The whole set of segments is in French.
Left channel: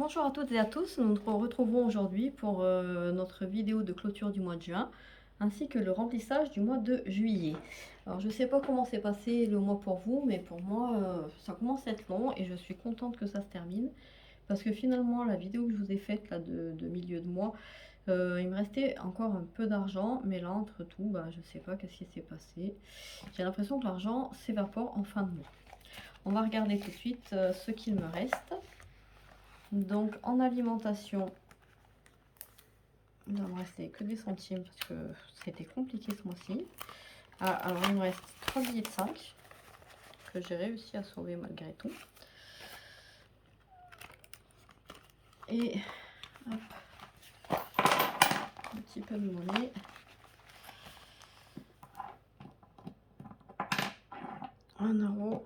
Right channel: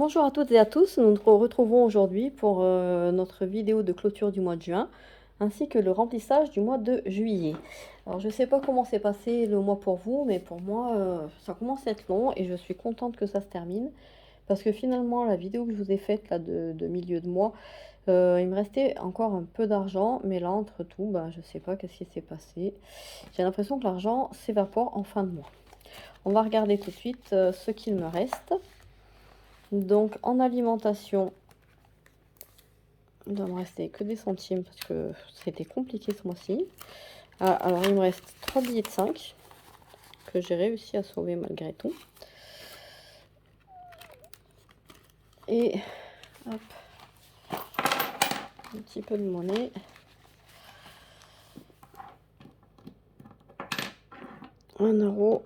Bonjour à toutes et à tous, nous nous retrouvons aujourd'hui pour notre vidéo de clôture du mois de juin, ainsi que le remplissage du mois de juillet. Alors je ne sais pas comment s'est passé le mois pour vous, mais pour moi ça commence à être long et je suis contente que ça se termine, parce que finalement la vidéo que je vous ai faite là de milieu de mois, il me restait encore un peu d'argent, mais là entre tout, bah, je ne sais pas qu'est-ce qui s'est passé. J'ai l'impression que l'argent s'évapore en fin de mois. On va regarder tout de suite ce qu'il me reste. Donc en alimentation, il doit me rester que des centimes parce que c'était compliqué ce mois-ci. Alors il me reste 3 billets de 5 que j'ai réussi à sauver malgré tout. Et hop, un petit peu de monnaie. €1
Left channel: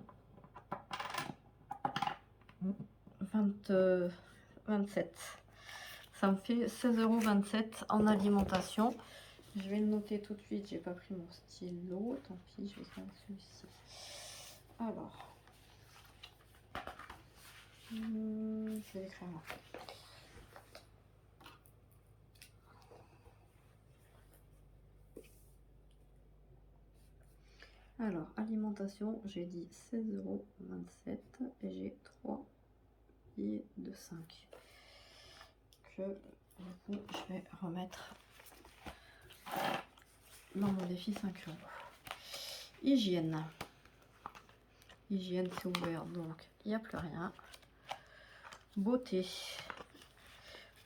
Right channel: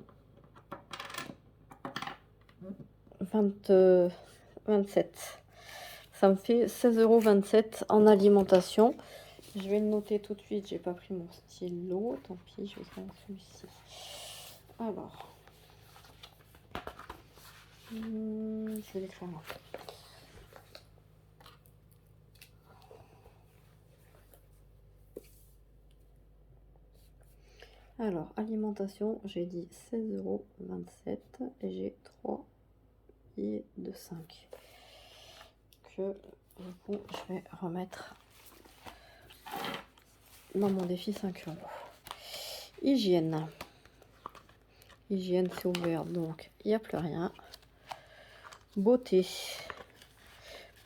27. Ça me fait 16,27 € en alimentation. Je vais le noter tout de suite. J'ai pas pris mon stylo. Tant pis, je vais faire celui-ci. Alors, je vais écrire là. Alors, alimentation, j'ai dit 16,27 € et j'ai 3 billets de 5 que du coup je vais remettre dans mon défi 5 €. Hygiène. Hygiène, c'est ouvert, donc il n'y a plus rien. Beauté.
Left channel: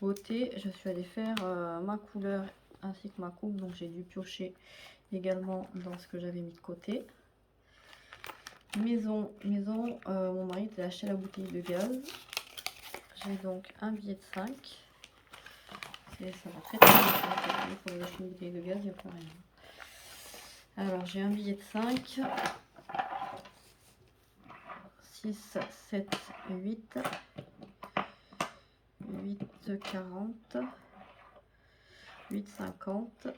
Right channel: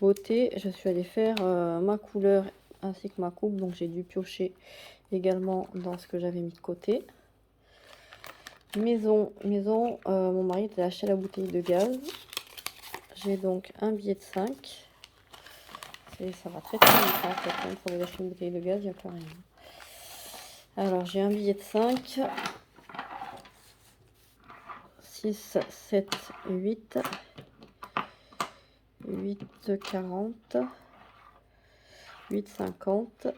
Beauté, je suis allée faire ma couleur ainsi que ma coupe, donc j'ai dû piocher également dans ce que j'avais mis de côté. Maison, mon mari a acheté la bouteille de gaz. J'ai donc un billet de 5. Et ça va très très vite. Hein, quand vous achetez une bouteille de gaz, il n'y a plus rien. Alors j'ai un billet de 5. 6, 7, 8. 8, 40. 8, 50.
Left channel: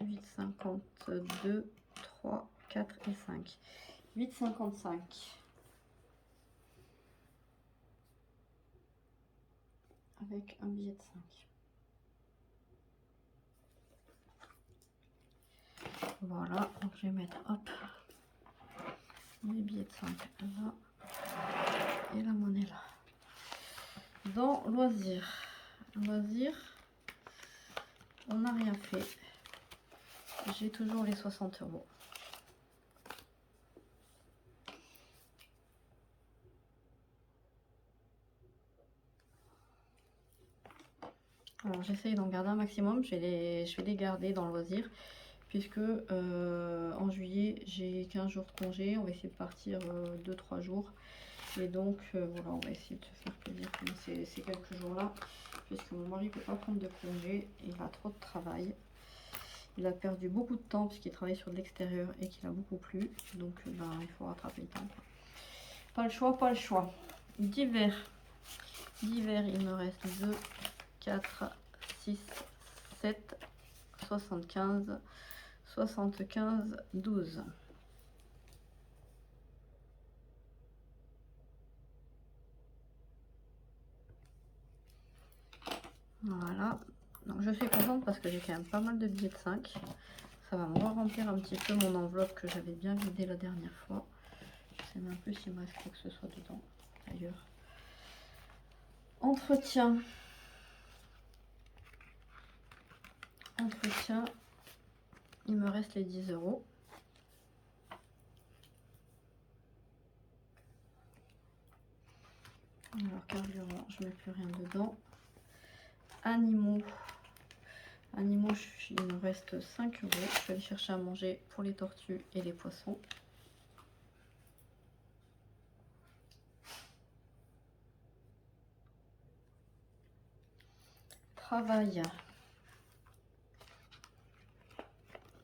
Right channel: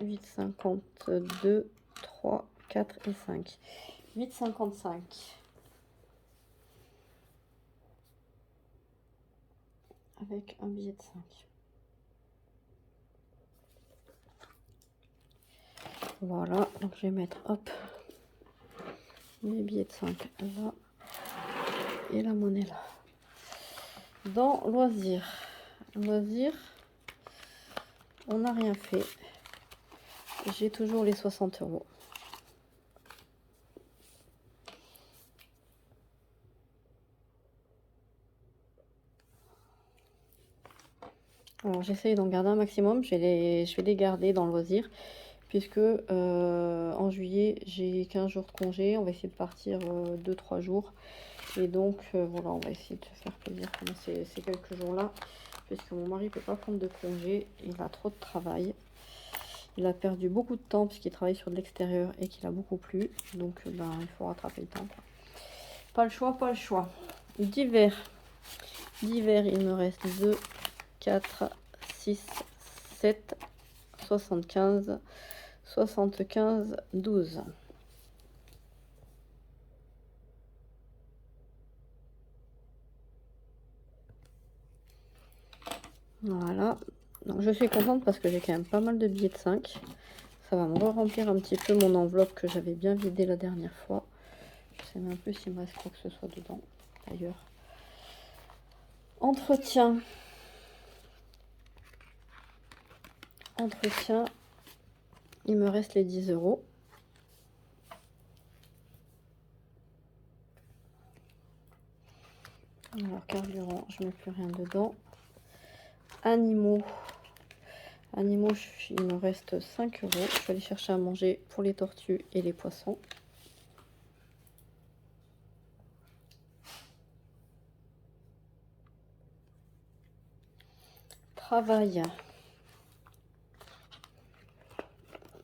8, 52. 3, 4 et 5. 8, 55. Avec un billet de 5. Voilà, donc je vais mettre, hop, mes billets de 5 là et la monnaie là. Dans loisirs, on n'a rien fait. J'ai toujours les 60 €. Alors j'essaye d'en garder un maximum. Je vais les garder dans le loisir, puisque en juillet j'ai 15 jours de congé. On va essayer de partir 2-3 jours. Et donc voilà, on va essayer de se faire plaisir pendant ces quelques jours-là, puisque mon mari ne peut pas prendre de congé. Il a trop de travail. Il a perdu beaucoup de temps puisqu'il travaille sur de l'extérieur et qu'il a beaucoup plu. Donc ben, il faut rattraper le temps. Pas le choix, pas le choix. Divers. Divers, il me reste 2, 4, 6, 7, 75, 75, 12. Voilà. Donc je suis contente parce que j'ai quand même pas mal de billets de 5. Ça va me remplir un petit peu mon enveloppe que j'avais bien vidée la dernière fois. Je sais même plus s'il me reste quoi que ce soit dedans, d'ailleurs. Entretien. Entretien. Il me reste les 10 €. Alors, carburant, je ne mets plus rien dedans. Animaux. Animaux, il me reste 5 €. Je vais aller chercher à manger pour les tortues et les poissons. Travail.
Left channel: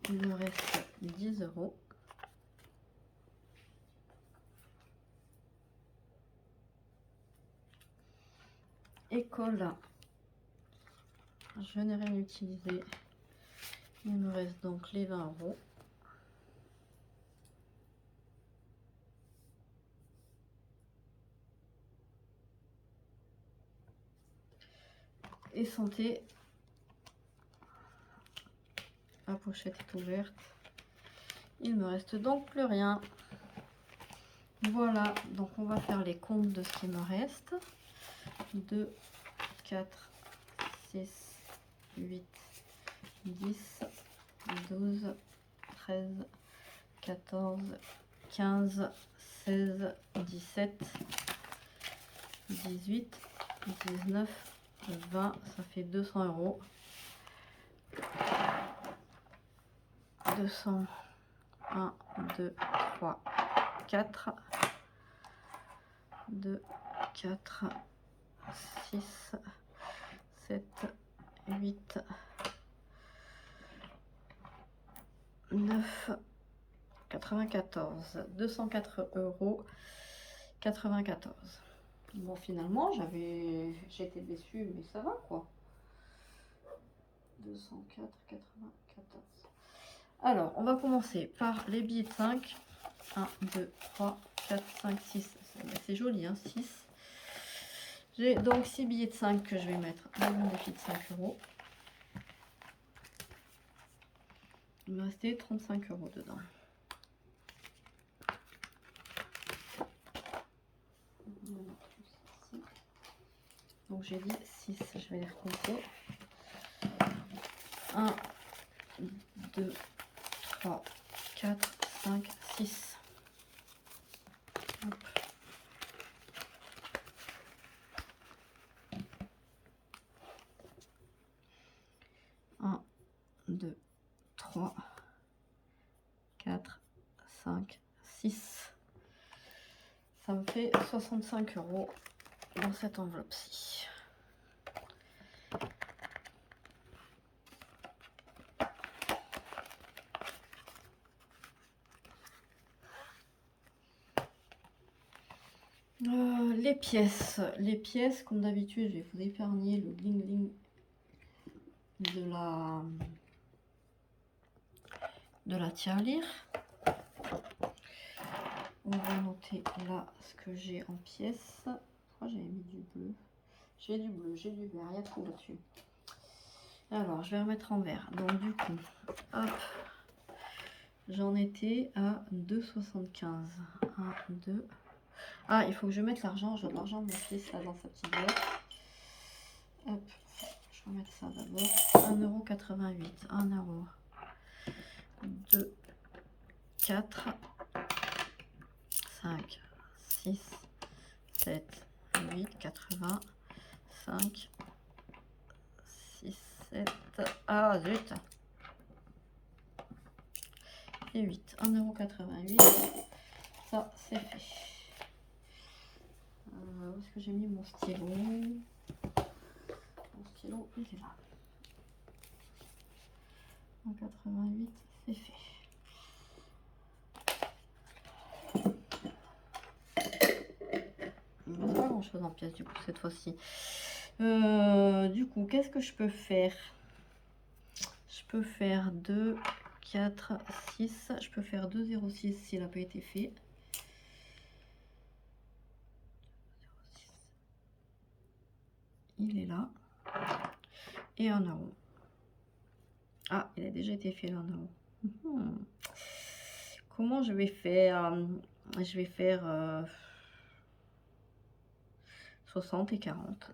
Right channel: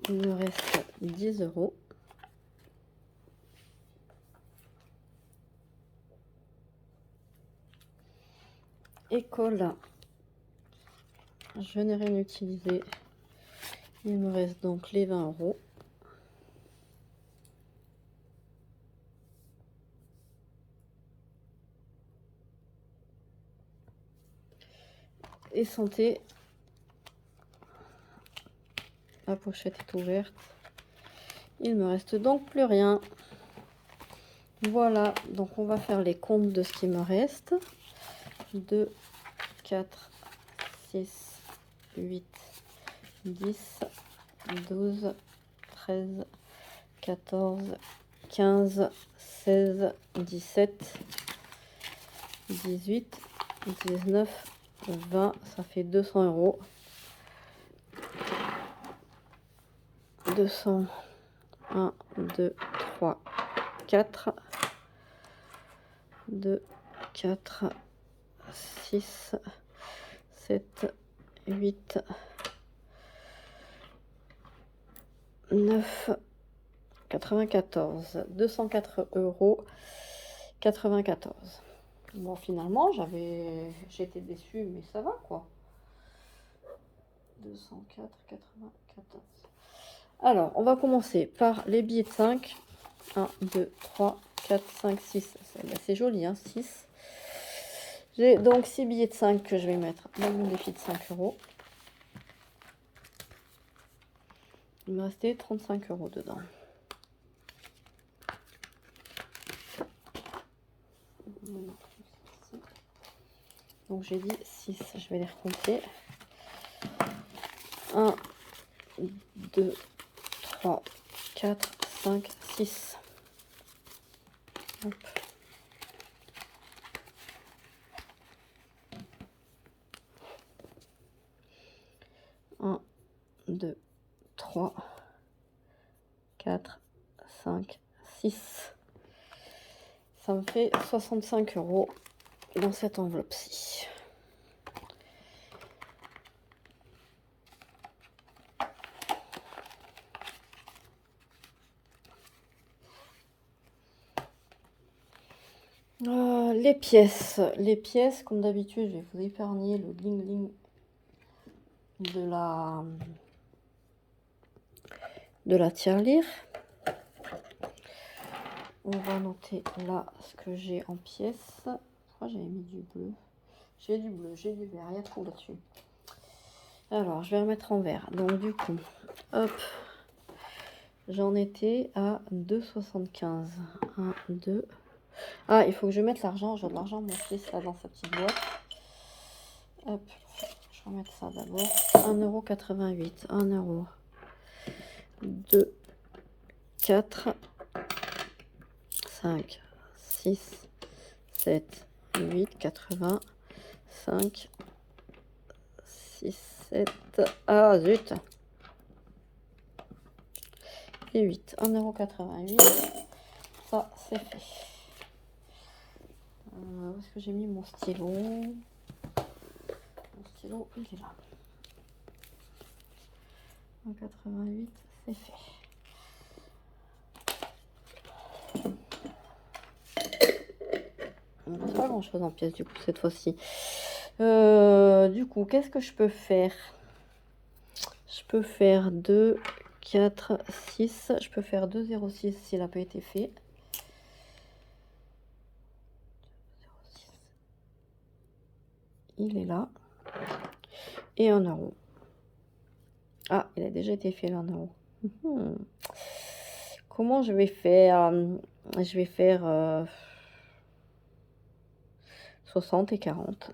Il me reste 10 €. École. Je n'ai rien utilisé. Il me reste donc les 20 €. Et santé. La pochette est ouverte. Il me reste donc plus rien. Voilà, donc on va faire les comptes de ce qui me reste. 2, 4, 6, 8, 10, 12, 13, 14, 15, 16, 17, 18, 19, 20, ça fait 200 euros. 200, 1, 2, 3, 4, 2, 4, 6, 7, 8, 9, 94, 204 euros 94. Bon, finalement, j'étais déçue, mais ça va quoi. 204, 94. Alors, on va commencer par les billets de 5. 1, 2, 3, 4, 5, 6. C'est joli, hein, 6. J'ai donc 6 billets de 5 que je vais mettre dans mon défi de 5 euros. Il me restait 35 euros dedans. Donc j'ai dit 6, je vais les recompter. 1, 2, 3, 4, 5, 6. Hop. 1, 2, 3, 4, 5, 6. Ça me fait 65 euros dans cette enveloppe-ci. Les pièces, comme d'habitude, je vais vous épargner le bling bling de la tirelire. On va noter là ce que j'ai en pièces. Oh, j'avais mis du bleu. J'ai du bleu, j'ai du vert, il y a tout là-dessus. Alors, je vais remettre en vert. Donc, du coup, hop, j'en étais à 2,75. 1, 2. Ah, il faut que je mette l'argent. J'ai de l'argent, mon fils, là, dans sa petite boîte. Hop, je vais remettre ça d'abord. 1,88 €. 1 euro. 2, 4, 5, 6, 7, 8, 80, 5, 6, 7, ah zut, et 8, 1,88 €, ça c'est fait. Où est-ce que j'ai mis mon stylo? Mon stylo, il est là. 1,88 €, c'est fait. Il n'y a pas grand chose en pièces du coup cette fois-ci. Du coup, qu'est-ce que je peux faire? Je peux faire 2, 4, 6. Je peux faire 2,06 s'il n'a pas été fait. 0,6. Il est là. Et 1 euro. Ah, il a déjà été fait, 1 euro. Comment je vais faire? Je vais faire 60 et 40.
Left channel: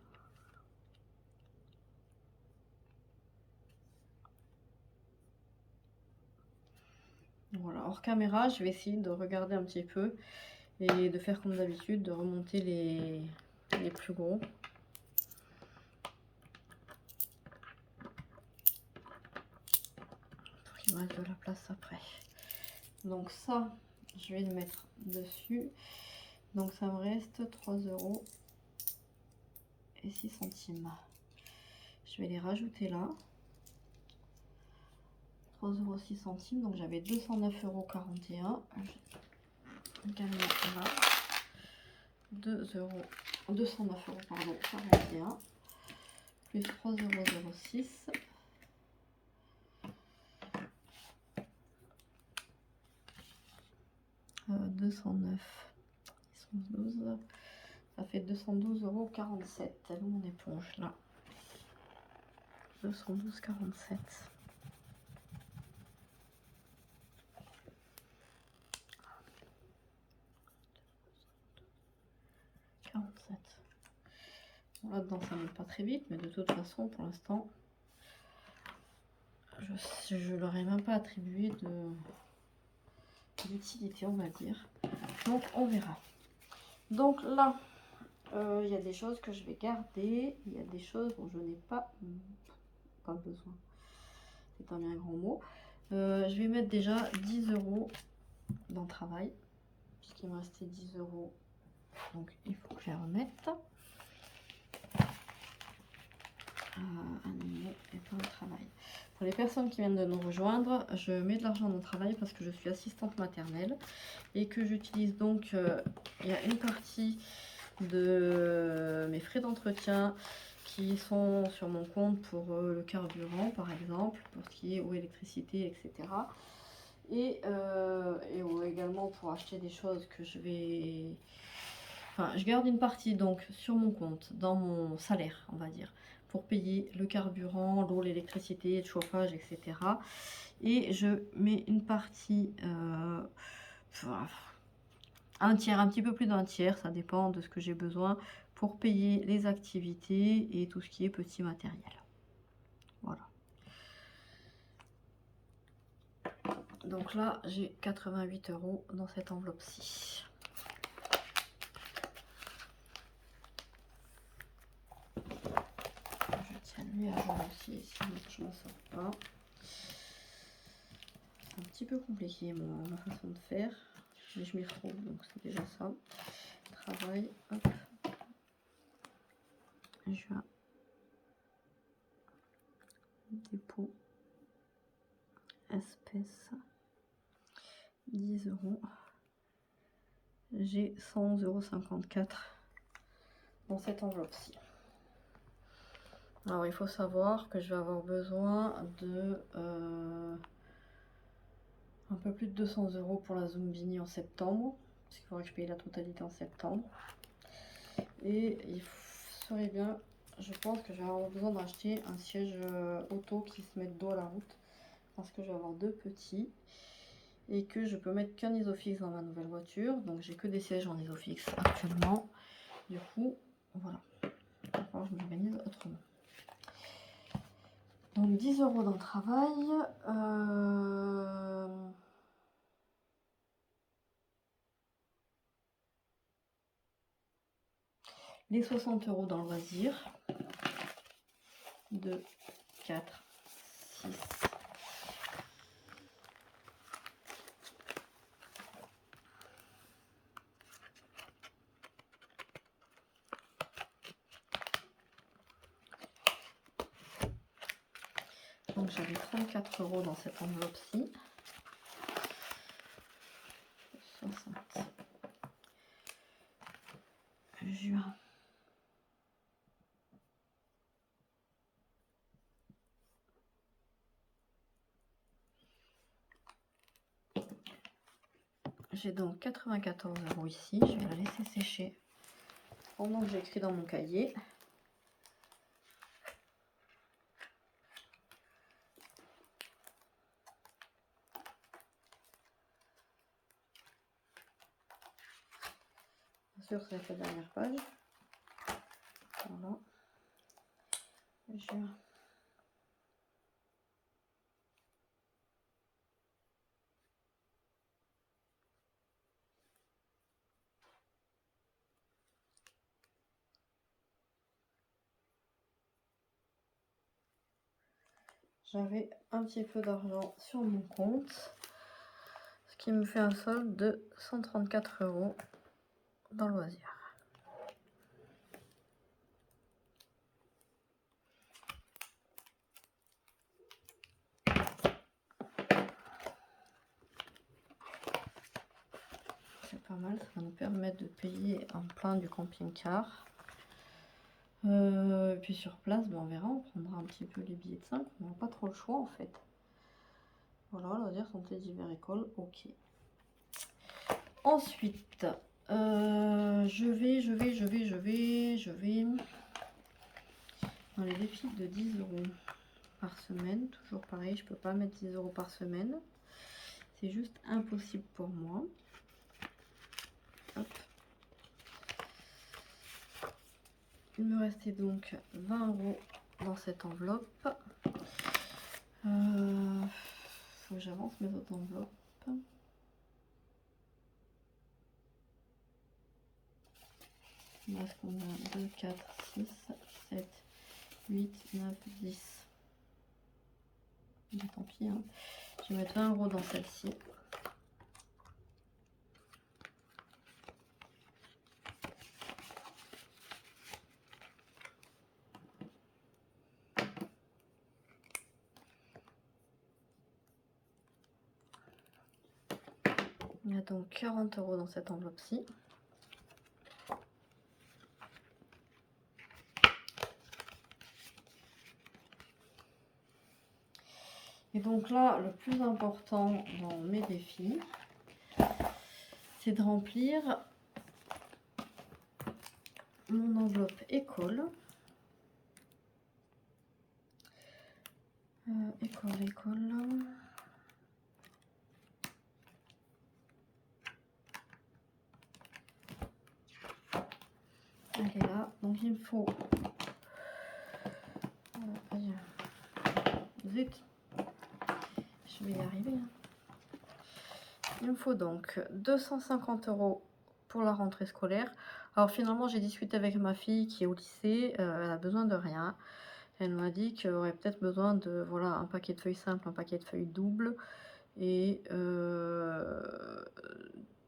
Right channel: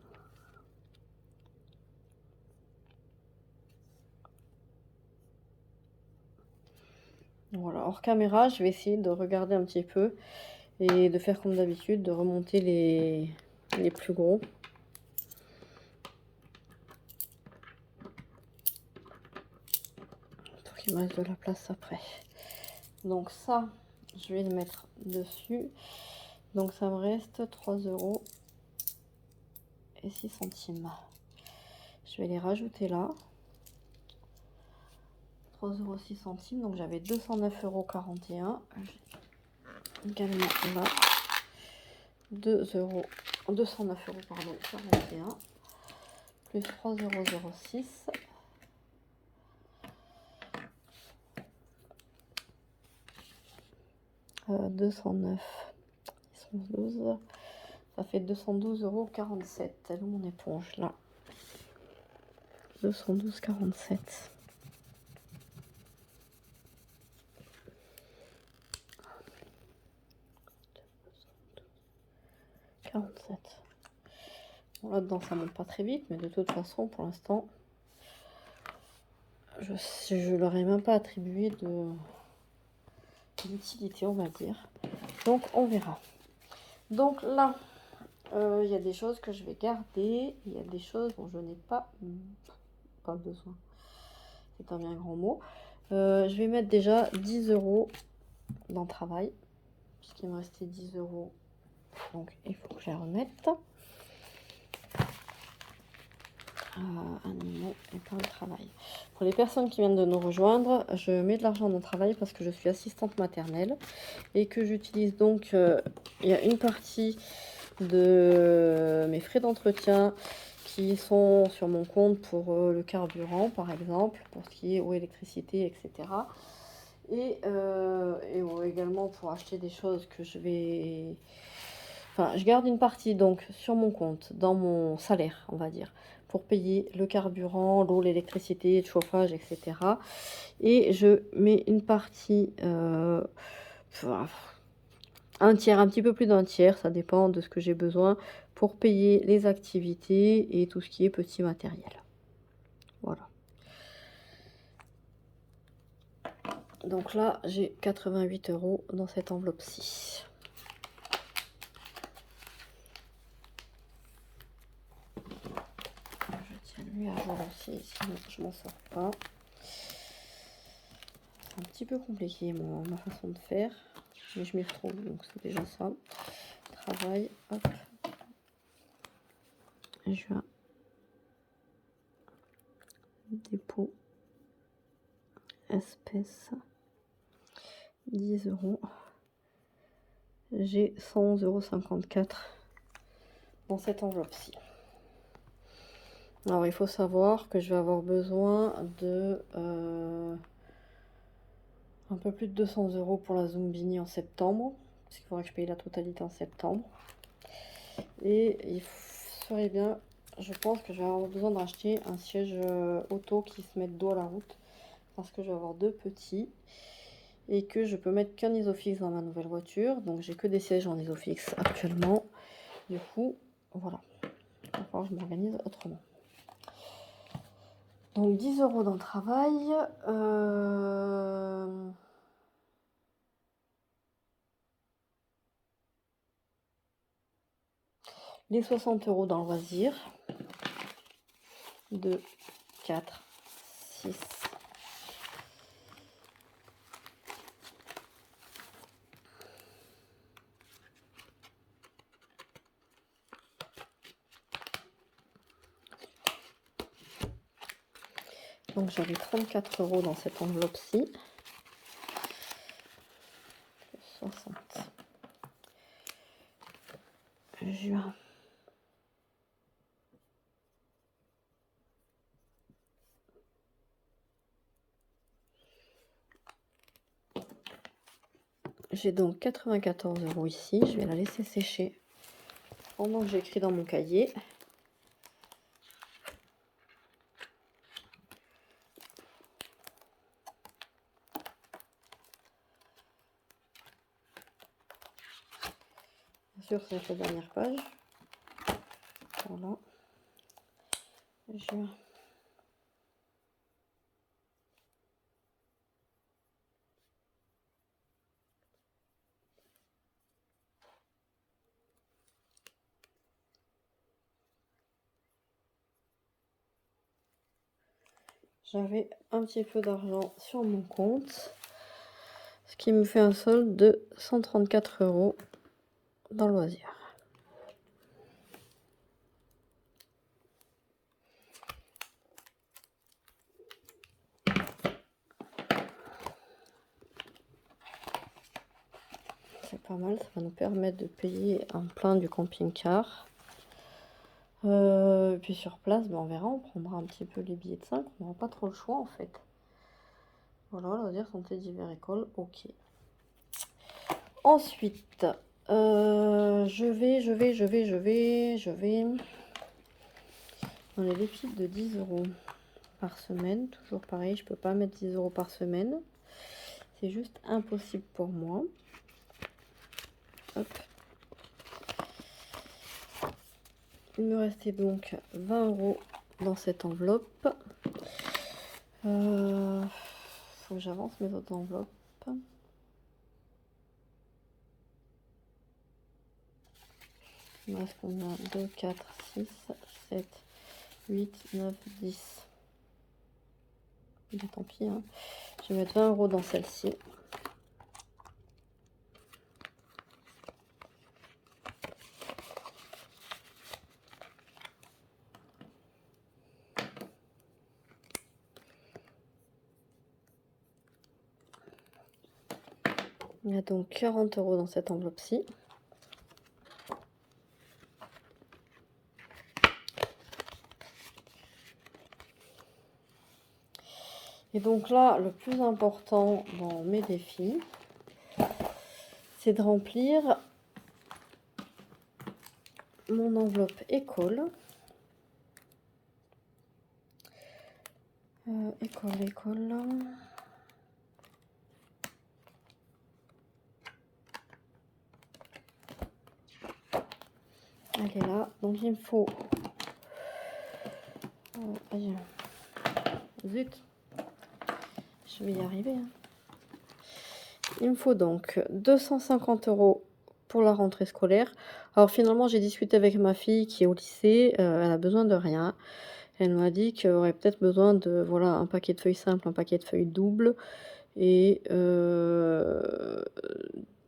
Voilà, hors caméra, je vais essayer de regarder un petit peu et de faire comme d'habitude, de remonter les plus gros. Pour qu'il me reste de la place après. Donc ça, je vais le mettre dessus. Donc ça me reste 3 euros et 6 centimes. Je vais les rajouter là. 3 euros 6 centimes. Donc j'avais 209,41 €. Également là. 209 euros, pardon, 41. Plus 3,06 €. 209. 12. Ça fait 212,47 €. Elle est où mon éponge là? 212,47. Bon, là-dedans, ça ne monte pas très vite, mais de toute façon, pour l'instant, je leur ai même pas attribué d'utilité, on va dire. Donc, on verra. Donc là, il y a des choses que je vais garder. Il y a des choses dont je n'ai pas besoin. C'est un bien grand mot. Je vais mettre déjà 10 € dans le travail. Puisqu'il me restait 10 €. Donc, il faut que je les remette. Animaux et pour le travail. Pour les personnes qui viennent de nous rejoindre, je mets de l'argent dans le travail parce que je suis assistante maternelle et que j'utilise donc, il y a une partie de mes frais d'entretien qui sont sur mon compte pour le carburant par exemple, pour ce qui est eau, électricité, etc. Et également pour acheter des choses que je vais... Enfin, je garde une partie donc sur mon compte, dans mon salaire, on va dire, pour payer le carburant, l'eau, l'électricité, le chauffage, etc. Et je mets une partie, un tiers, un petit peu plus d'un tiers, ça dépend de ce que j'ai besoin, pour payer les activités et tout ce qui est petit matériel. Voilà. Donc là, j'ai 88 € dans cette enveloppe-ci. Je tiens lui à voir aussi, sinon je m'en sors pas. C'est un petit peu compliqué ma façon de faire, mais je m'y retrouve, donc c'est déjà ça. Travail, hop. Juin. Dépôt. Espèces. 10 €. J'ai 111,54 € dans cette enveloppe-ci. Alors il faut savoir que je vais avoir besoin de un peu plus de 200 € pour la Zumbini en septembre, parce qu'il faudra que je paye la totalité en septembre. Et il serait bien, je pense que je vais avoir besoin d'acheter un siège auto qui se mette dos à la route, parce que je vais avoir deux petits et que je peux mettre qu'un isofix dans ma nouvelle voiture, donc j'ai que des sièges en isofix actuellement. Du coup, voilà, alors je m'organise autrement. Donc 10 € dans le travail. Les 60 € dans le loisir. 2, 4, 6. Donc j'avais 34 € dans cette enveloppe-ci. 60. Juin. J'ai donc 94 € ici. Je vais la laisser sécher pendant que j'écris dans mon cahier. Bien sûr, c'est la dernière page. Voilà. Juin. J'avais un petit peu d'argent sur mon compte, ce qui me fait un solde de 134 € dans le loisir. C'est pas mal, ça va nous permettre de payer un plein du camping-car. Puis sur place, on verra, on prendra un petit peu les billets de 5, on n'aura pas trop le choix en fait. Voilà, loisir, santé, divers, école, ok. Ensuite, je vais dans les défis de 10 €. par semaine. Toujours pareil, je peux pas mettre 10 € par semaine. C'est juste impossible pour moi. Hop. Il me restait donc 20 € dans cette enveloppe. Faut que j'avance mes autres enveloppes. Est-ce qu'on a 2, 4, 6, 7, 8, 9, 10. Mais tant pis, hein. Je vais mettre 20 € dans celle-ci. Il y a donc 40 € dans cette enveloppe-ci. Et donc là, le plus important dans mes défis, c'est de remplir mon enveloppe école. École. Elle est là. Donc il me faut... Zut. Je vais y arriver. Hein. Il me faut donc 250 € pour la rentrée scolaire. Alors finalement, j'ai discuté avec ma fille qui est au lycée. Elle a besoin de rien. Elle m'a dit qu'elle aurait peut-être besoin de voilà, un paquet de feuilles simples, un paquet de feuilles doubles et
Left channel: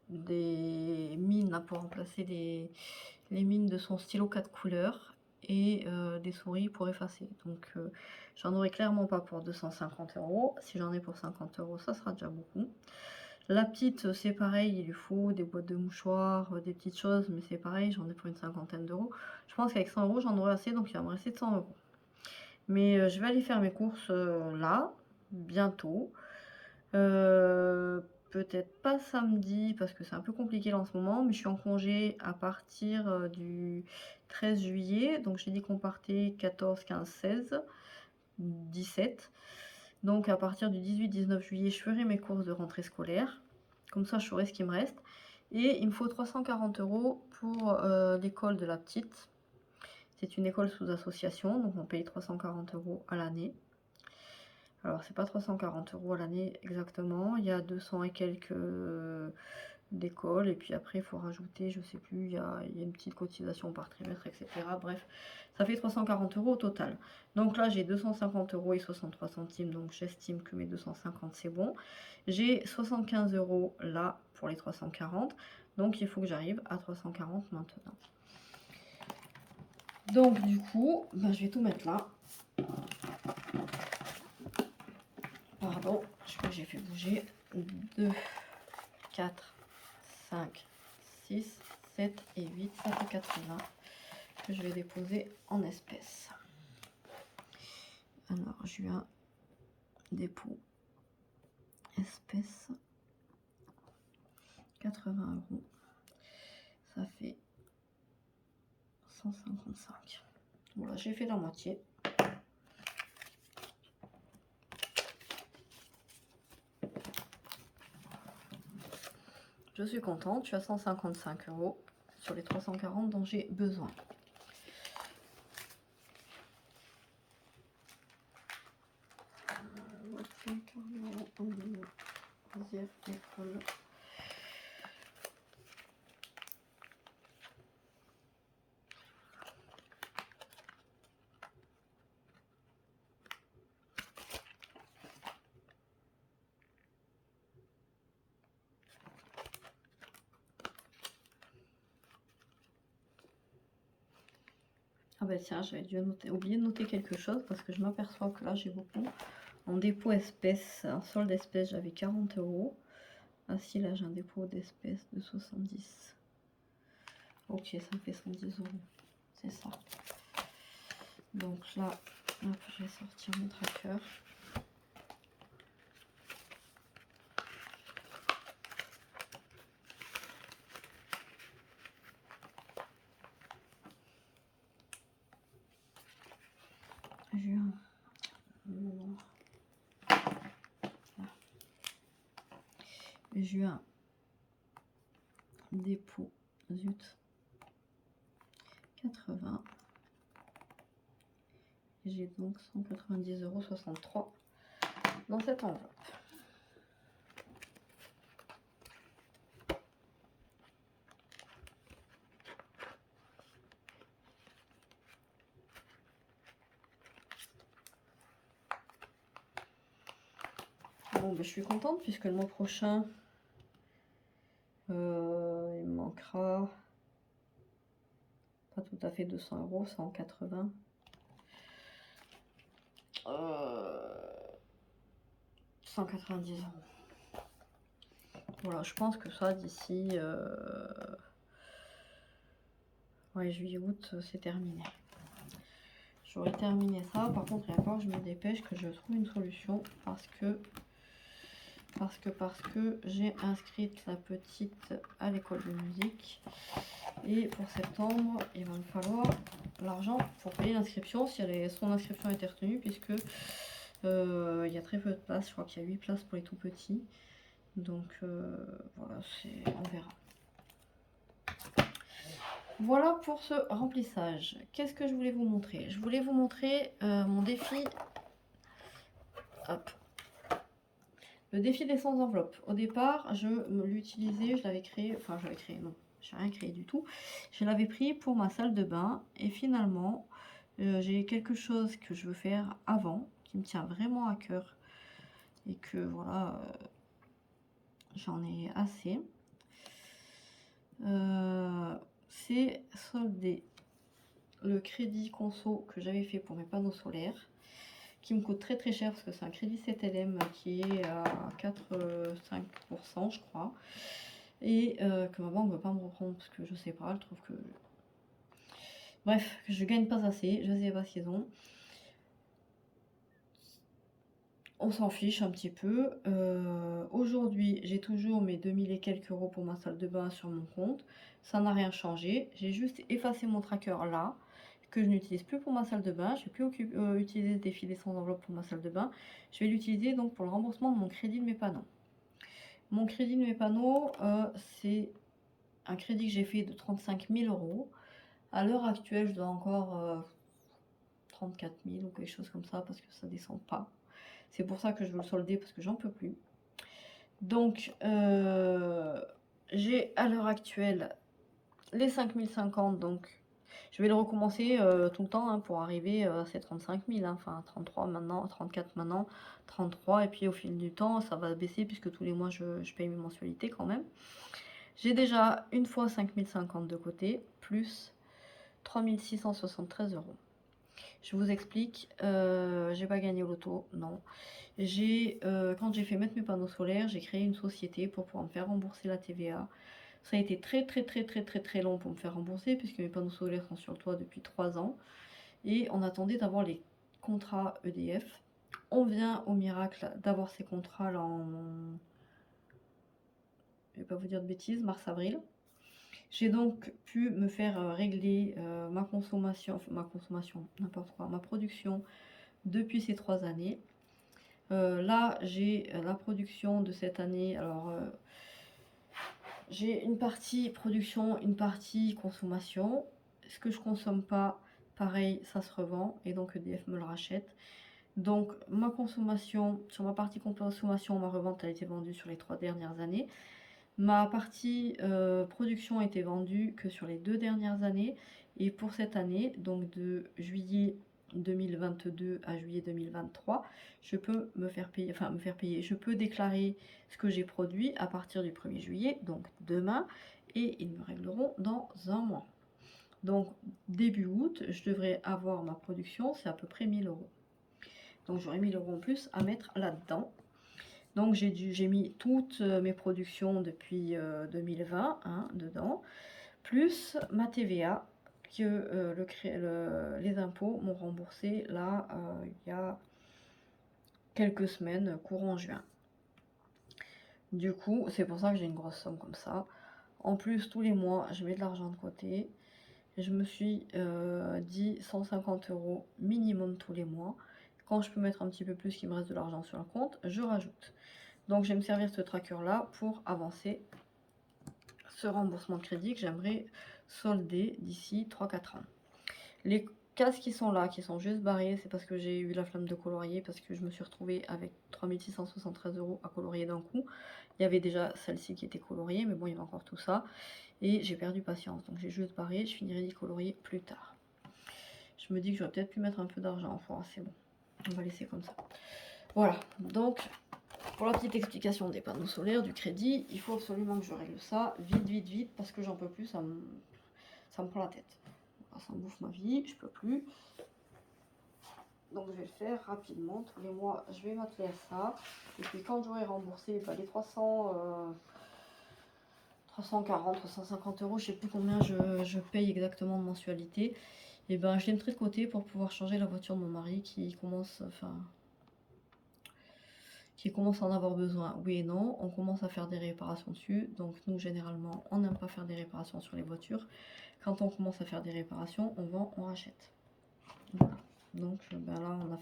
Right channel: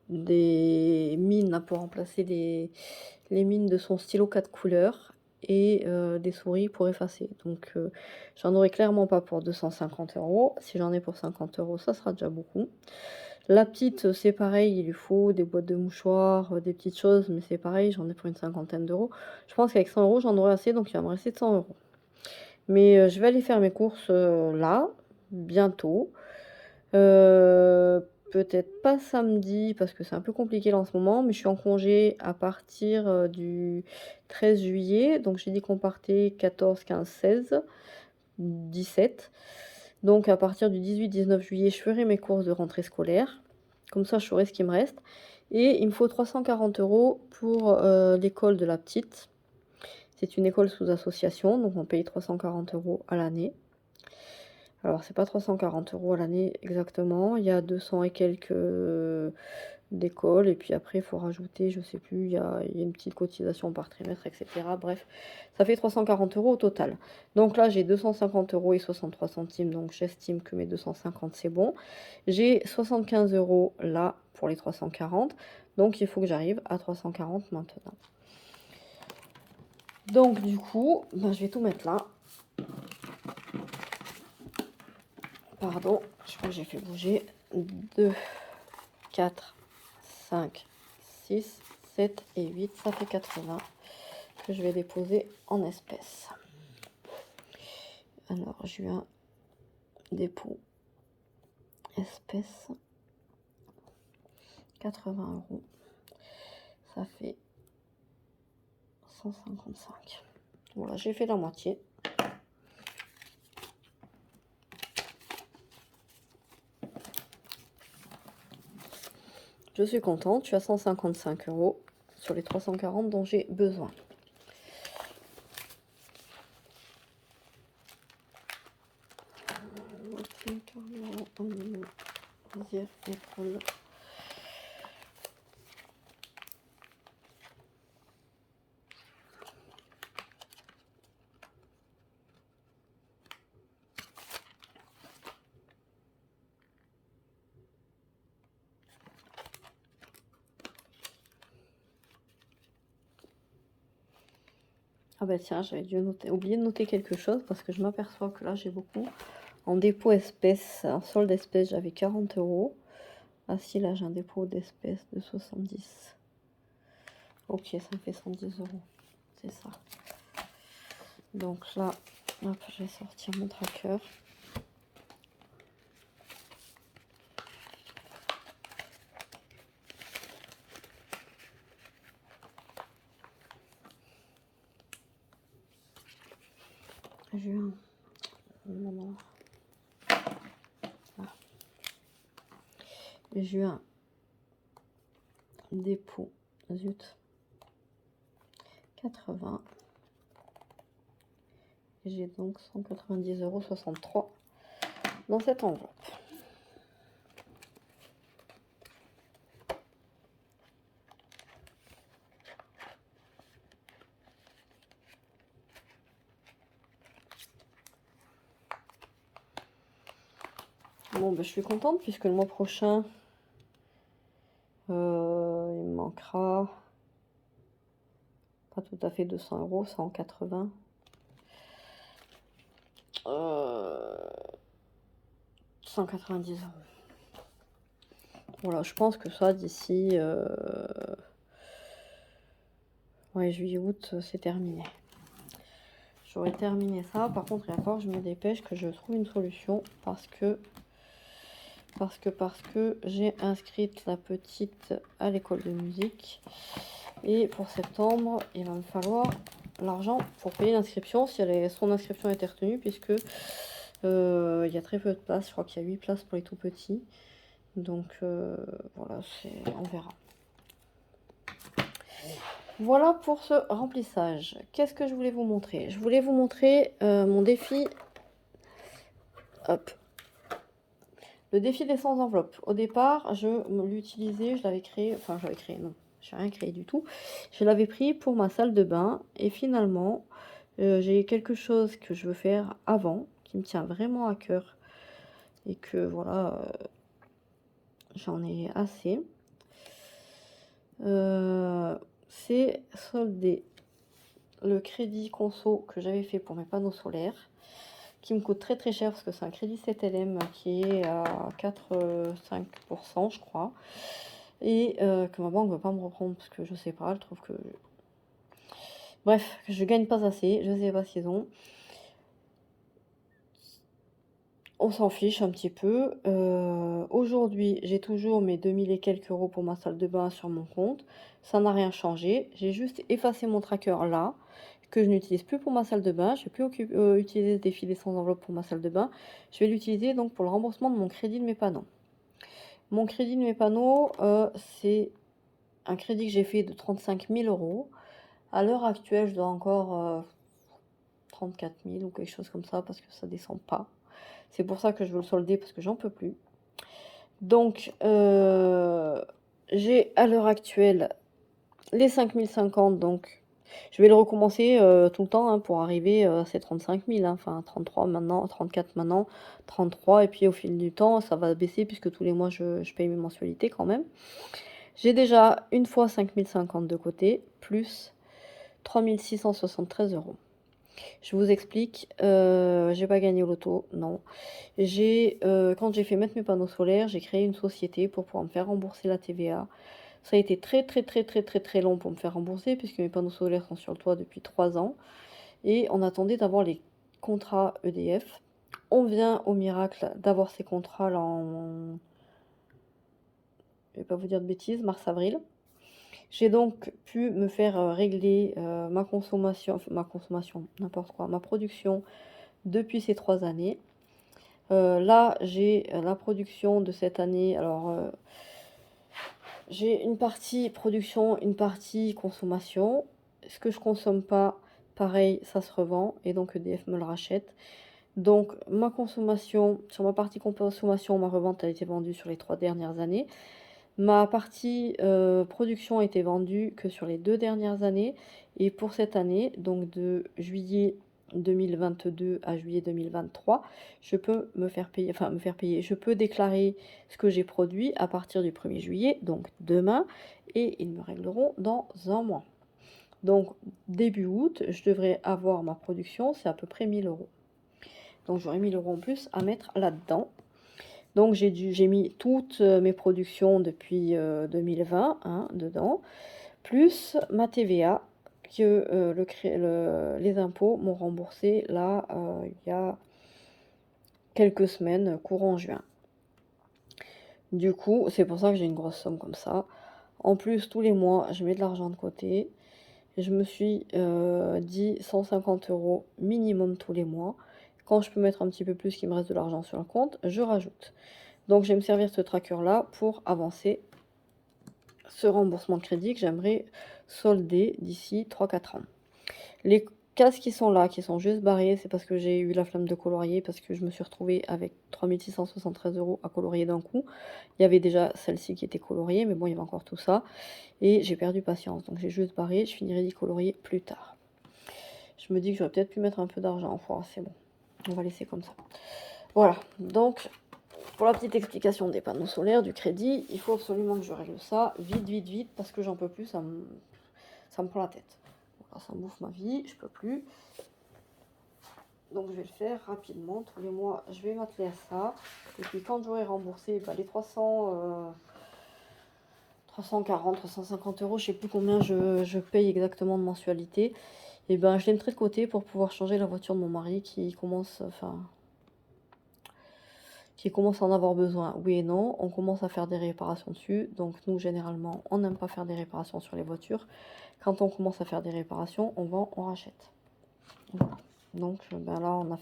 des mines là, pour remplacer les mines de son stylo 4 couleurs et des souris pour effacer. Donc j'en aurai clairement pas pour 250 €. Si j'en ai pour 50 €, ça sera déjà beaucoup. La petite, c'est pareil, il lui faut des boîtes de mouchoirs, des petites choses, mais c'est pareil, j'en ai pour une cinquantaine d'euros. Je pense qu'avec 100 €, j'en aurai assez, donc il va me rester 100 €. Mais je vais aller faire mes courses là, bientôt. Peut-être pas samedi, parce que c'est un peu compliqué là en ce moment, mais je suis en congé à partir du 13 juillet. Donc j'ai dit qu'on partait 14, 15, 16, 17. Donc à partir du 18-19 juillet, je ferai mes courses de rentrée scolaire. Comme ça, je saurai ce qui me reste. Et il me faut 340 € pour l'école de la petite. C'est une école sous association, donc on paye 340 € à l'année. Alors c'est pas 340 € à l'année exactement, il y a 200 et quelques d'école, et puis après il faut rajouter, je sais plus, il y a une petite cotisation par trimestre, etc. Bref, ça fait 340 € au total. Donc là j'ai 250 € et 63 centimes, donc j'estime que mes 250 c'est bon. J'ai 75 € là pour les 340, donc il faut que j'arrive à 340 maintenant. Donc du coup, ben, je vais tout mettre là. Pardon, je crois que j'ai fait bouger. 2, 4, 5, 6, 7 et 8, ça fait 80 que je vais déposer en espèces. Alors, juin, dépôt, espèces, 80 €. Ça fait 155. Voilà, j'ai fait la moitié. Je suis contente, je suis à 155 € sur les 340 dont j'ai besoin. Ah bah tiens, j'avais dû oublier de noter quelque chose parce que je m'aperçois que là j'ai beaucoup. En dépôt espèces, en solde espèces, j'avais 40 €. Ah si, là j'ai un dépôt d'espèces de 70. Ok, ça me fait 110 €. C'est ça. Donc là, hop, je vais sortir mon tracker. Juin, Non. Voilà. Juin, dépôt, zut, 80. J'ai donc 190,63 € dans cette enveloppe. Bon, ben, je suis contente puisque le mois prochain, il me manquera pas tout à fait 200 €, 180. 190 €. Voilà, je pense que ça, d'ici ouais, juillet-août, c'est terminé. J'aurais terminé ça. Par contre, il va falloir que je me dépêche, que je trouve une solution parce que j'ai inscrite la petite à l'école de musique. Et pour septembre, il va me falloir l'argent pour payer l'inscription, si son inscription a été retenue, puisque il y a très peu de places. Je crois qu'il y a 8 places pour les tout petits. Donc voilà, on verra. Voilà pour ce remplissage. Qu'est-ce que je voulais vous montrer? Je voulais vous montrer mon défi. Hop. Le défi des 100 enveloppes. Au départ, je l'utilisais, je l'avais créé, enfin j'avais créé, non, j'ai rien créé du tout. Je l'avais pris pour ma salle de bain et finalement, j'ai quelque chose que je veux faire avant, qui me tient vraiment à cœur et que voilà, j'en ai assez. C'est solder le crédit conso que j'avais fait pour mes panneaux solaires, qui me coûte très très cher parce que c'est un crédit 7LM qui est à 4,5% je crois, et que ma banque ne veut pas me reprendre parce que je sais pas, elle trouve que... Bref, je gagne pas assez, je sais pas ce qu'ils ont. On s'en fiche un petit peu. Aujourd'hui, j'ai toujours mes 2000 et quelques euros pour ma salle de bain sur mon compte. Ça n'a rien changé. J'ai juste effacé mon tracker là, que je n'utilise plus pour ma salle de bain. Je ne vais plus utiliser des filets sans enveloppe pour ma salle de bain. Je vais l'utiliser donc pour le remboursement de mon crédit de mes panneaux. Mon crédit de mes panneaux, c'est un crédit que j'ai fait de 35 000 €. À l'heure actuelle, je dois encore 34 000 ou quelque chose comme ça parce que ça descend pas. C'est pour ça que je veux le solder parce que j'en peux plus. Donc, j'ai à l'heure actuelle les 5050, donc je vais le recommencer tout le temps hein, pour arriver à ces 35 000, hein, enfin 33 maintenant, 34 maintenant, 33, et puis au fil du temps, ça va baisser puisque tous les mois je paye mes mensualités quand même. J'ai déjà une fois 5050 de côté, plus 3673 €. Je vous explique, j'ai pas gagné au loto, non. Quand j'ai fait mettre mes panneaux solaires, j'ai créé une société pour pouvoir me faire rembourser la TVA. Ça a été très, très, très, très, très, très long pour me faire rembourser puisque mes panneaux solaires sont sur le toit depuis 3 ans et on attendait d'avoir les contrats EDF. On vient au miracle d'avoir ces contrats-là en, je vais pas vous dire de bêtises, mars-avril. J'ai donc pu me faire régler ma consommation, n'importe quoi, ma production depuis ces 3 années. Là, j'ai la production de cette année. Alors, j'ai une partie production, une partie consommation. Ce que je consomme pas, pareil, ça se revend et donc EDF me le rachète. Donc, ma consommation, sur ma partie consommation, ma revente a été vendue sur les 3 dernières années. Ma partie production a été vendue que sur les 2 dernières années. Et pour cette année, donc de juillet 2022 à juillet 2023, je peux me faire payer, je peux déclarer ce que j'ai produit à partir du 1er juillet, donc demain, et ils me régleront dans un mois. Donc début août, je devrais avoir ma production, c'est à peu près 1000 €. Donc j'aurai 1000 € en plus à mettre là-dedans. Donc j'ai mis toutes mes productions depuis 2020 hein, dedans, plus ma TVA que les impôts m'ont remboursé là il y a quelques semaines, courant juin. Du coup, c'est pour ça que j'ai une grosse somme comme ça. En plus, tous les mois, je mets de l'argent de côté. Je me suis dit 150 € minimum tous les mois. Quand je peux mettre un petit peu plus, qu'il me reste de l'argent sur le compte, je rajoute. Donc, je vais me servir de ce tracker-là pour avancer ce remboursement de crédit que j'aimerais solder d'ici 3-4 ans. Les cases qui sont là, qui sont juste barrées, c'est parce que j'ai eu la flemme de colorier, parce que je me suis retrouvée avec 3673 € à colorier d'un coup. Il y avait déjà celle-ci qui était coloriée, mais bon, il y avait encore tout ça. Et j'ai perdu patience, donc j'ai juste barré, je finirai d'y colorier plus tard. Je me dis que j'aurais peut-être pu mettre un peu d'argent, enfin, c'est bon. On va laisser comme ça. Voilà, donc pour la petite explication des panneaux solaires, du crédit, il faut absolument que je règle ça vite, vite, vite, parce que j'en peux plus, ça me prend la tête. Voilà, ça me bouffe ma vie, je peux plus. Donc je vais le faire rapidement, tous les mois je vais m'atteler à ça. Et puis quand j'aurai remboursé les 340, 350 €, je sais plus combien je paye exactement de mensualité, et ben je les mettrai de côté pour pouvoir changer la voiture de mon mari qui commence, à en avoir besoin. Oui et non, on commence à faire des réparations dessus. Donc nous, généralement, on n'aime pas faire des réparations sur les voitures. Quand on commence à faire des réparations, on vend, on rachète. Voilà. Donc ben là, on va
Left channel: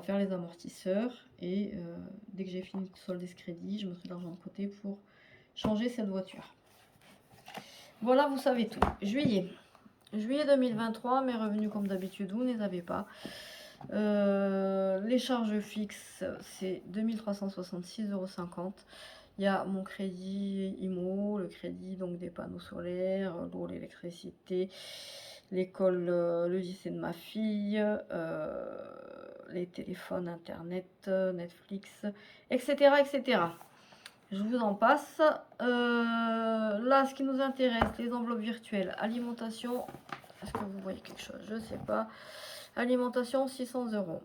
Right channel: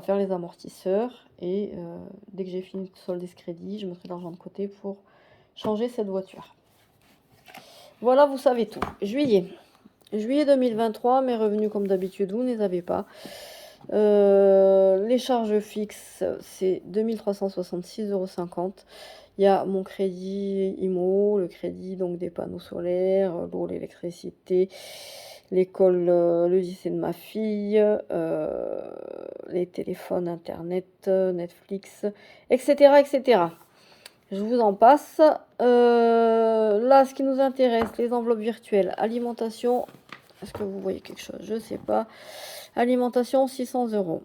faire les amortisseurs. Et dès que j'ai fini de solder ce crédit, je mettrai de l'argent de côté pour changer cette voiture. Voilà, vous savez tout. Juillet. Juillet 2023, mes revenus, comme d'habitude, vous ne les avez pas. Les charges fixes, c'est 2366,50 €. Il y a mon crédit IMO, le crédit donc des panneaux solaires, l'eau, l'électricité, l'école, le lycée de ma fille, les téléphones, internet, Netflix, etc., etc. Je vous en passe. Là, ce qui nous intéresse, les enveloppes virtuelles, alimentation. Est-ce que vous voyez quelque chose? Je ne sais pas. Alimentation, 600 €.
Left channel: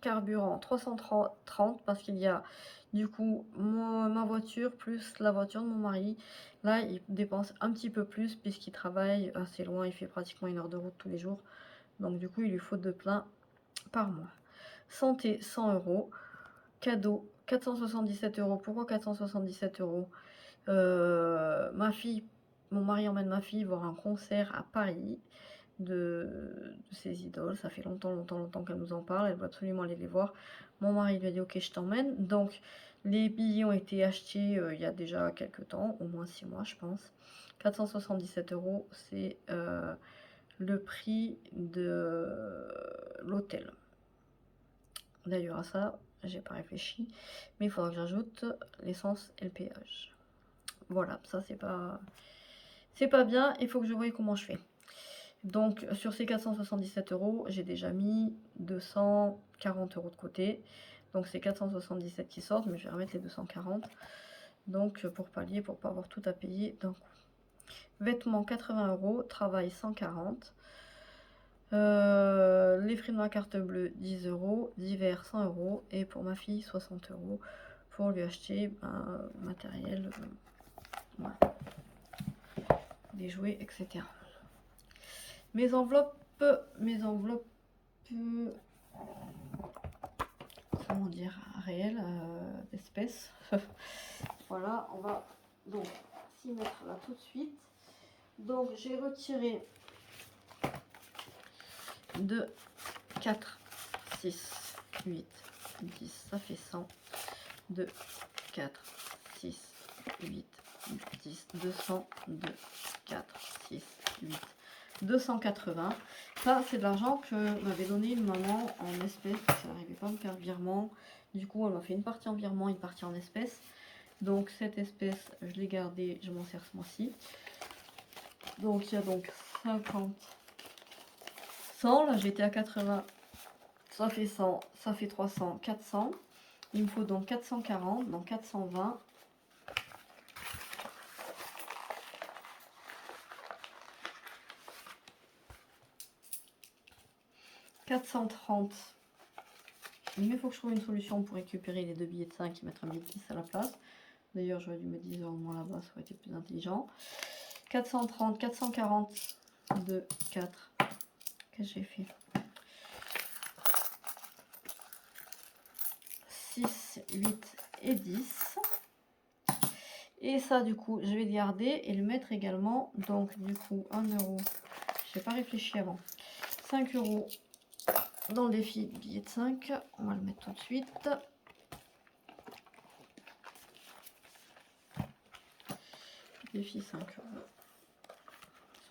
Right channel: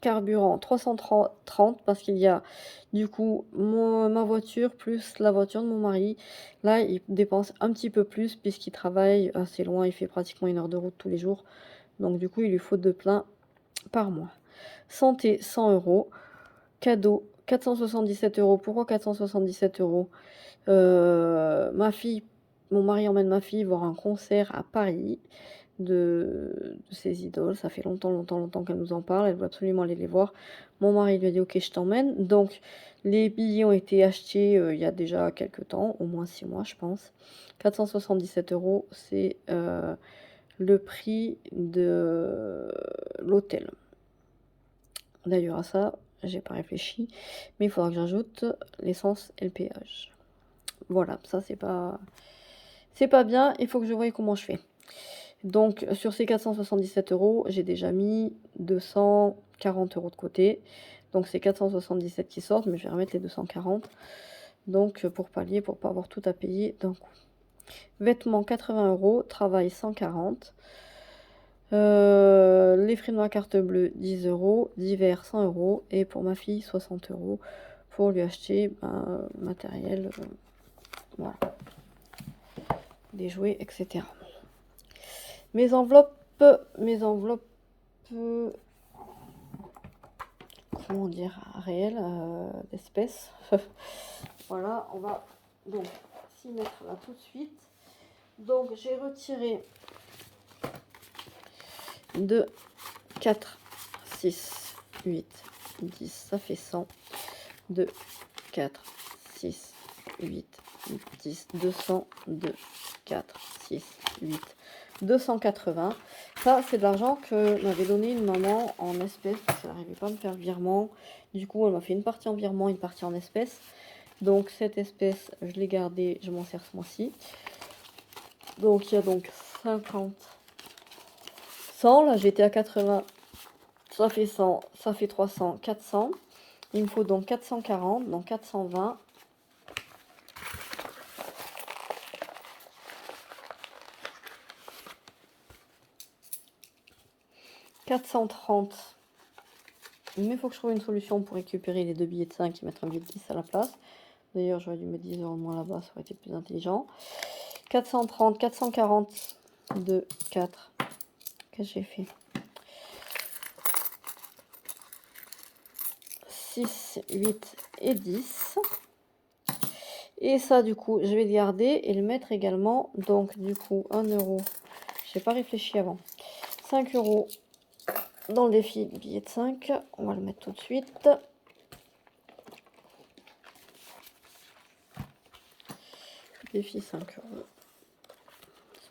Carburant, 330, parce qu'il y a du coup ma voiture plus la voiture de mon mari. Là, il dépense un petit peu plus puisqu'il travaille assez loin. Il fait pratiquement 1 heure de route tous les jours. Donc du coup, il lui faut 2 pleins par mois. Santé, 100 €. Cadeau, 477 €. Pourquoi 477 €? Ma fille, mon mari emmène ma fille voir un concert à Paris de ses idoles. Ça fait longtemps, longtemps, longtemps qu'elle nous en parle. Elle veut absolument aller les voir. Mon mari lui a dit ok, je t'emmène. Donc les billets ont été achetés il y a déjà quelques temps, au moins 6 mois je pense. 477 €, c'est le prix de l'hôtel. D'ailleurs à ça, j'ai pas réfléchi, mais il faudra que j'ajoute l'essence et le péage. Voilà, ça c'est pas bien, il faut que je voie comment je fais. Donc sur ces 477 €, j'ai déjà mis 240 € de côté. Donc c'est 477 qui sortent, mais je vais remettre les 240. Donc pour pallier, pour pas avoir tout à payer d'un coup. Vêtements 80 €, travail 140. Les frais de ma carte bleue 10 €, divers 100 € et pour ma fille 60 € pour lui acheter matériel, voilà, des jouets, etc. Mes enveloppes, comment dire, réelles, d'espèces. Voilà, on va donc s'y mettre là tout de suite. Donc j'ai retiré 2, 4, 6, 8, 10, ça fait 100. 2, 4, 6, 8, 10, 200, 2, 4, 6, 8, 280. Ça, c'est de l'argent que m'avait donné une maman en espèces, parce qu'elle n'arrivait pas à me faire virement. Du coup, elle m'a fait une partie en virement, une partie en espèces. Donc, cette espèce, je l'ai gardée, je m'en sers ce mois-ci. Donc, il y a donc 50, 100. Là, j'étais à 80, ça fait 100, ça fait 300, 400. Il me faut donc 440, donc 420. 430. Mais il faut que je trouve une solution pour récupérer les 2 billets de 5 et mettre un billet de 10 à la place. D'ailleurs, j'aurais dû mettre 10 € de moins là-bas, ça aurait été plus intelligent. 430, 440, 2, 4. Qu'est-ce que j'ai fait? 6, 8 et 10. Et ça, du coup, je vais le garder et le mettre également. Donc, du coup, 1 €. Je n'ai pas réfléchi avant. 5 € dans le défi billet de 5. On va le mettre tout de suite. Défi 5 €.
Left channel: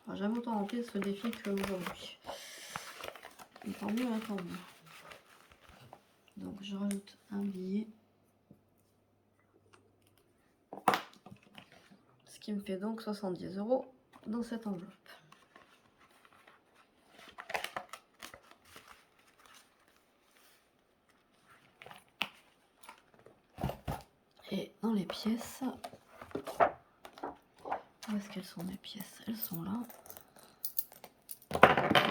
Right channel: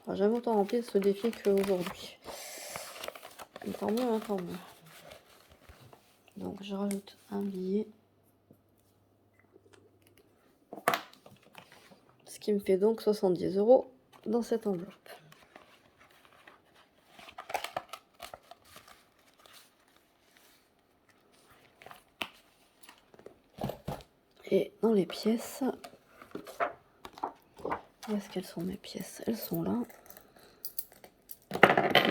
On va jamais autant remplir ce défi qu'aujourd'hui. Tant mieux, hein, tant mieux. Donc je rajoute un billet. Ce qui me fait donc 70 € dans cette enveloppe. Et dans les pièces, où est-ce qu'elles sont mes pièces? Elles sont là.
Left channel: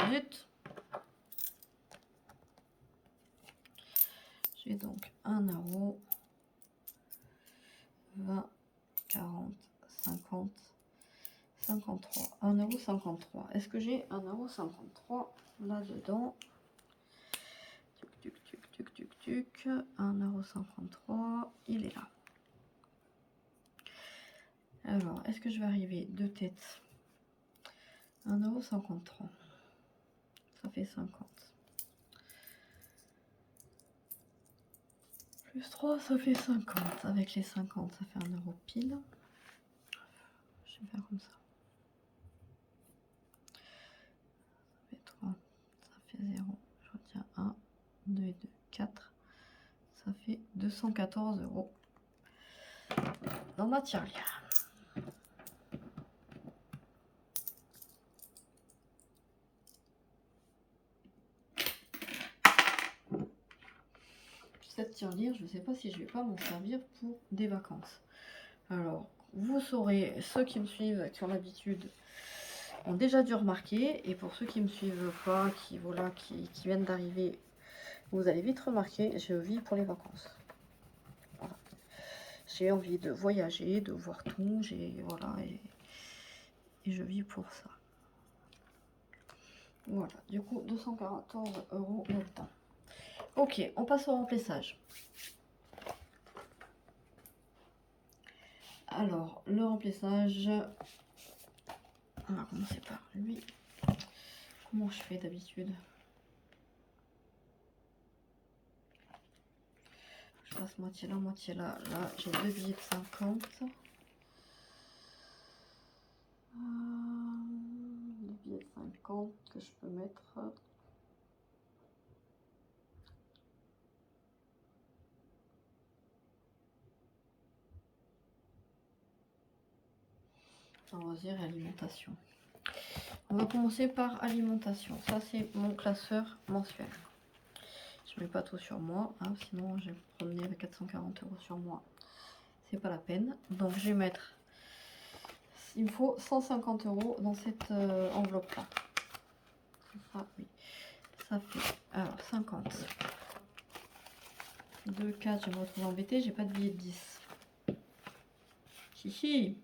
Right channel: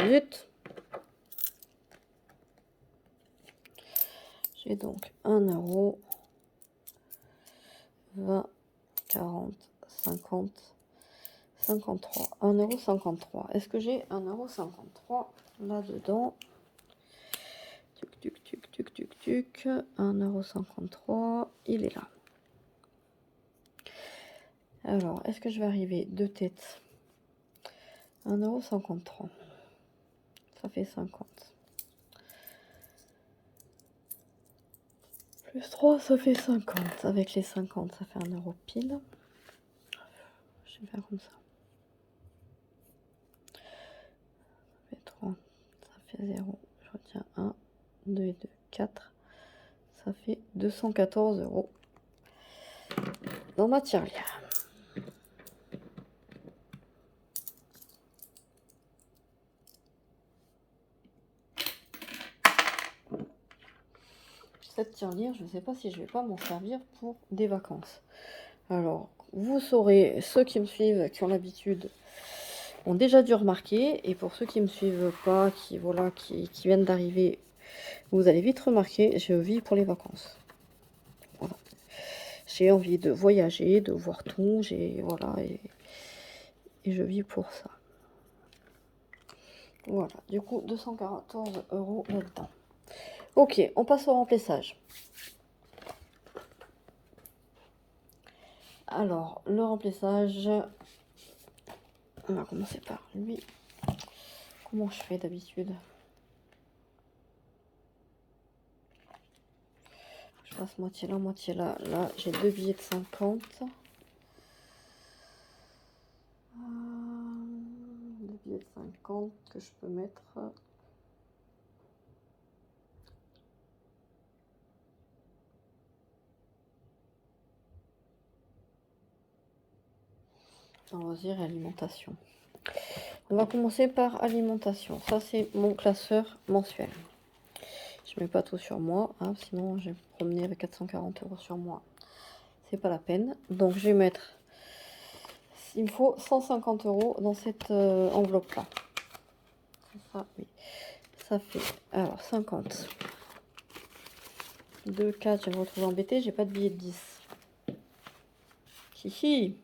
Vite. J'ai donc 1 €, 20, 40, 50, 53. 1,53 €. Est-ce que j'ai 1,53 € là-dedans? Tuc, tuc, tuc, tuc, tuc. 1,53 €. Il est là. Alors, est-ce que je vais arriver deux têtes? 1,53 €. Ça fait 50. Plus 3, ça fait 50. Avec les 50, ça fait 1 € pile. Je vais faire comme ça. Ça fait 3. Ça fait 0. Je retiens 1, 2 et 2, 4. Ça fait 214 € dans ma tirelire. Cette tirelire, je ne sais pas si je vais pas m'en servir pour des vacances. Alors, vous saurez, ceux qui me suivent, qui ont l'habitude, ont déjà dû remarquer. Et pour ceux qui ne me suivent pas, qui viennent d'arriver, vous allez vite remarquer, je vis pour les vacances. Voilà. J'ai envie de voyager, de voir tout, voilà, et je vis pour ça. Voilà, du coup, 214 € là-dedans. Ok, on passe au remplissage. Alors, le remplissage, on va commencer par lui. Comment je fais d'habitude? Je passe moitié là, moitié là. Là, j'ai deux billets de 50. Deux billets de 50 que je peux mettre. On va dire alimentation. On va commencer par alimentation. Ça, c'est mon classeur mensuel. Je mets pas tout sur moi, hein, sinon je vais me promener avec 440 € sur moi. C'est pas la peine. Donc, je vais mettre... Il me faut 150 € dans cette enveloppe-là. Ça, oui. Ça fait... Alors, 50. 2, 4, je vais me retrouver embêtée. J'ai pas de billet de 10. Hihi.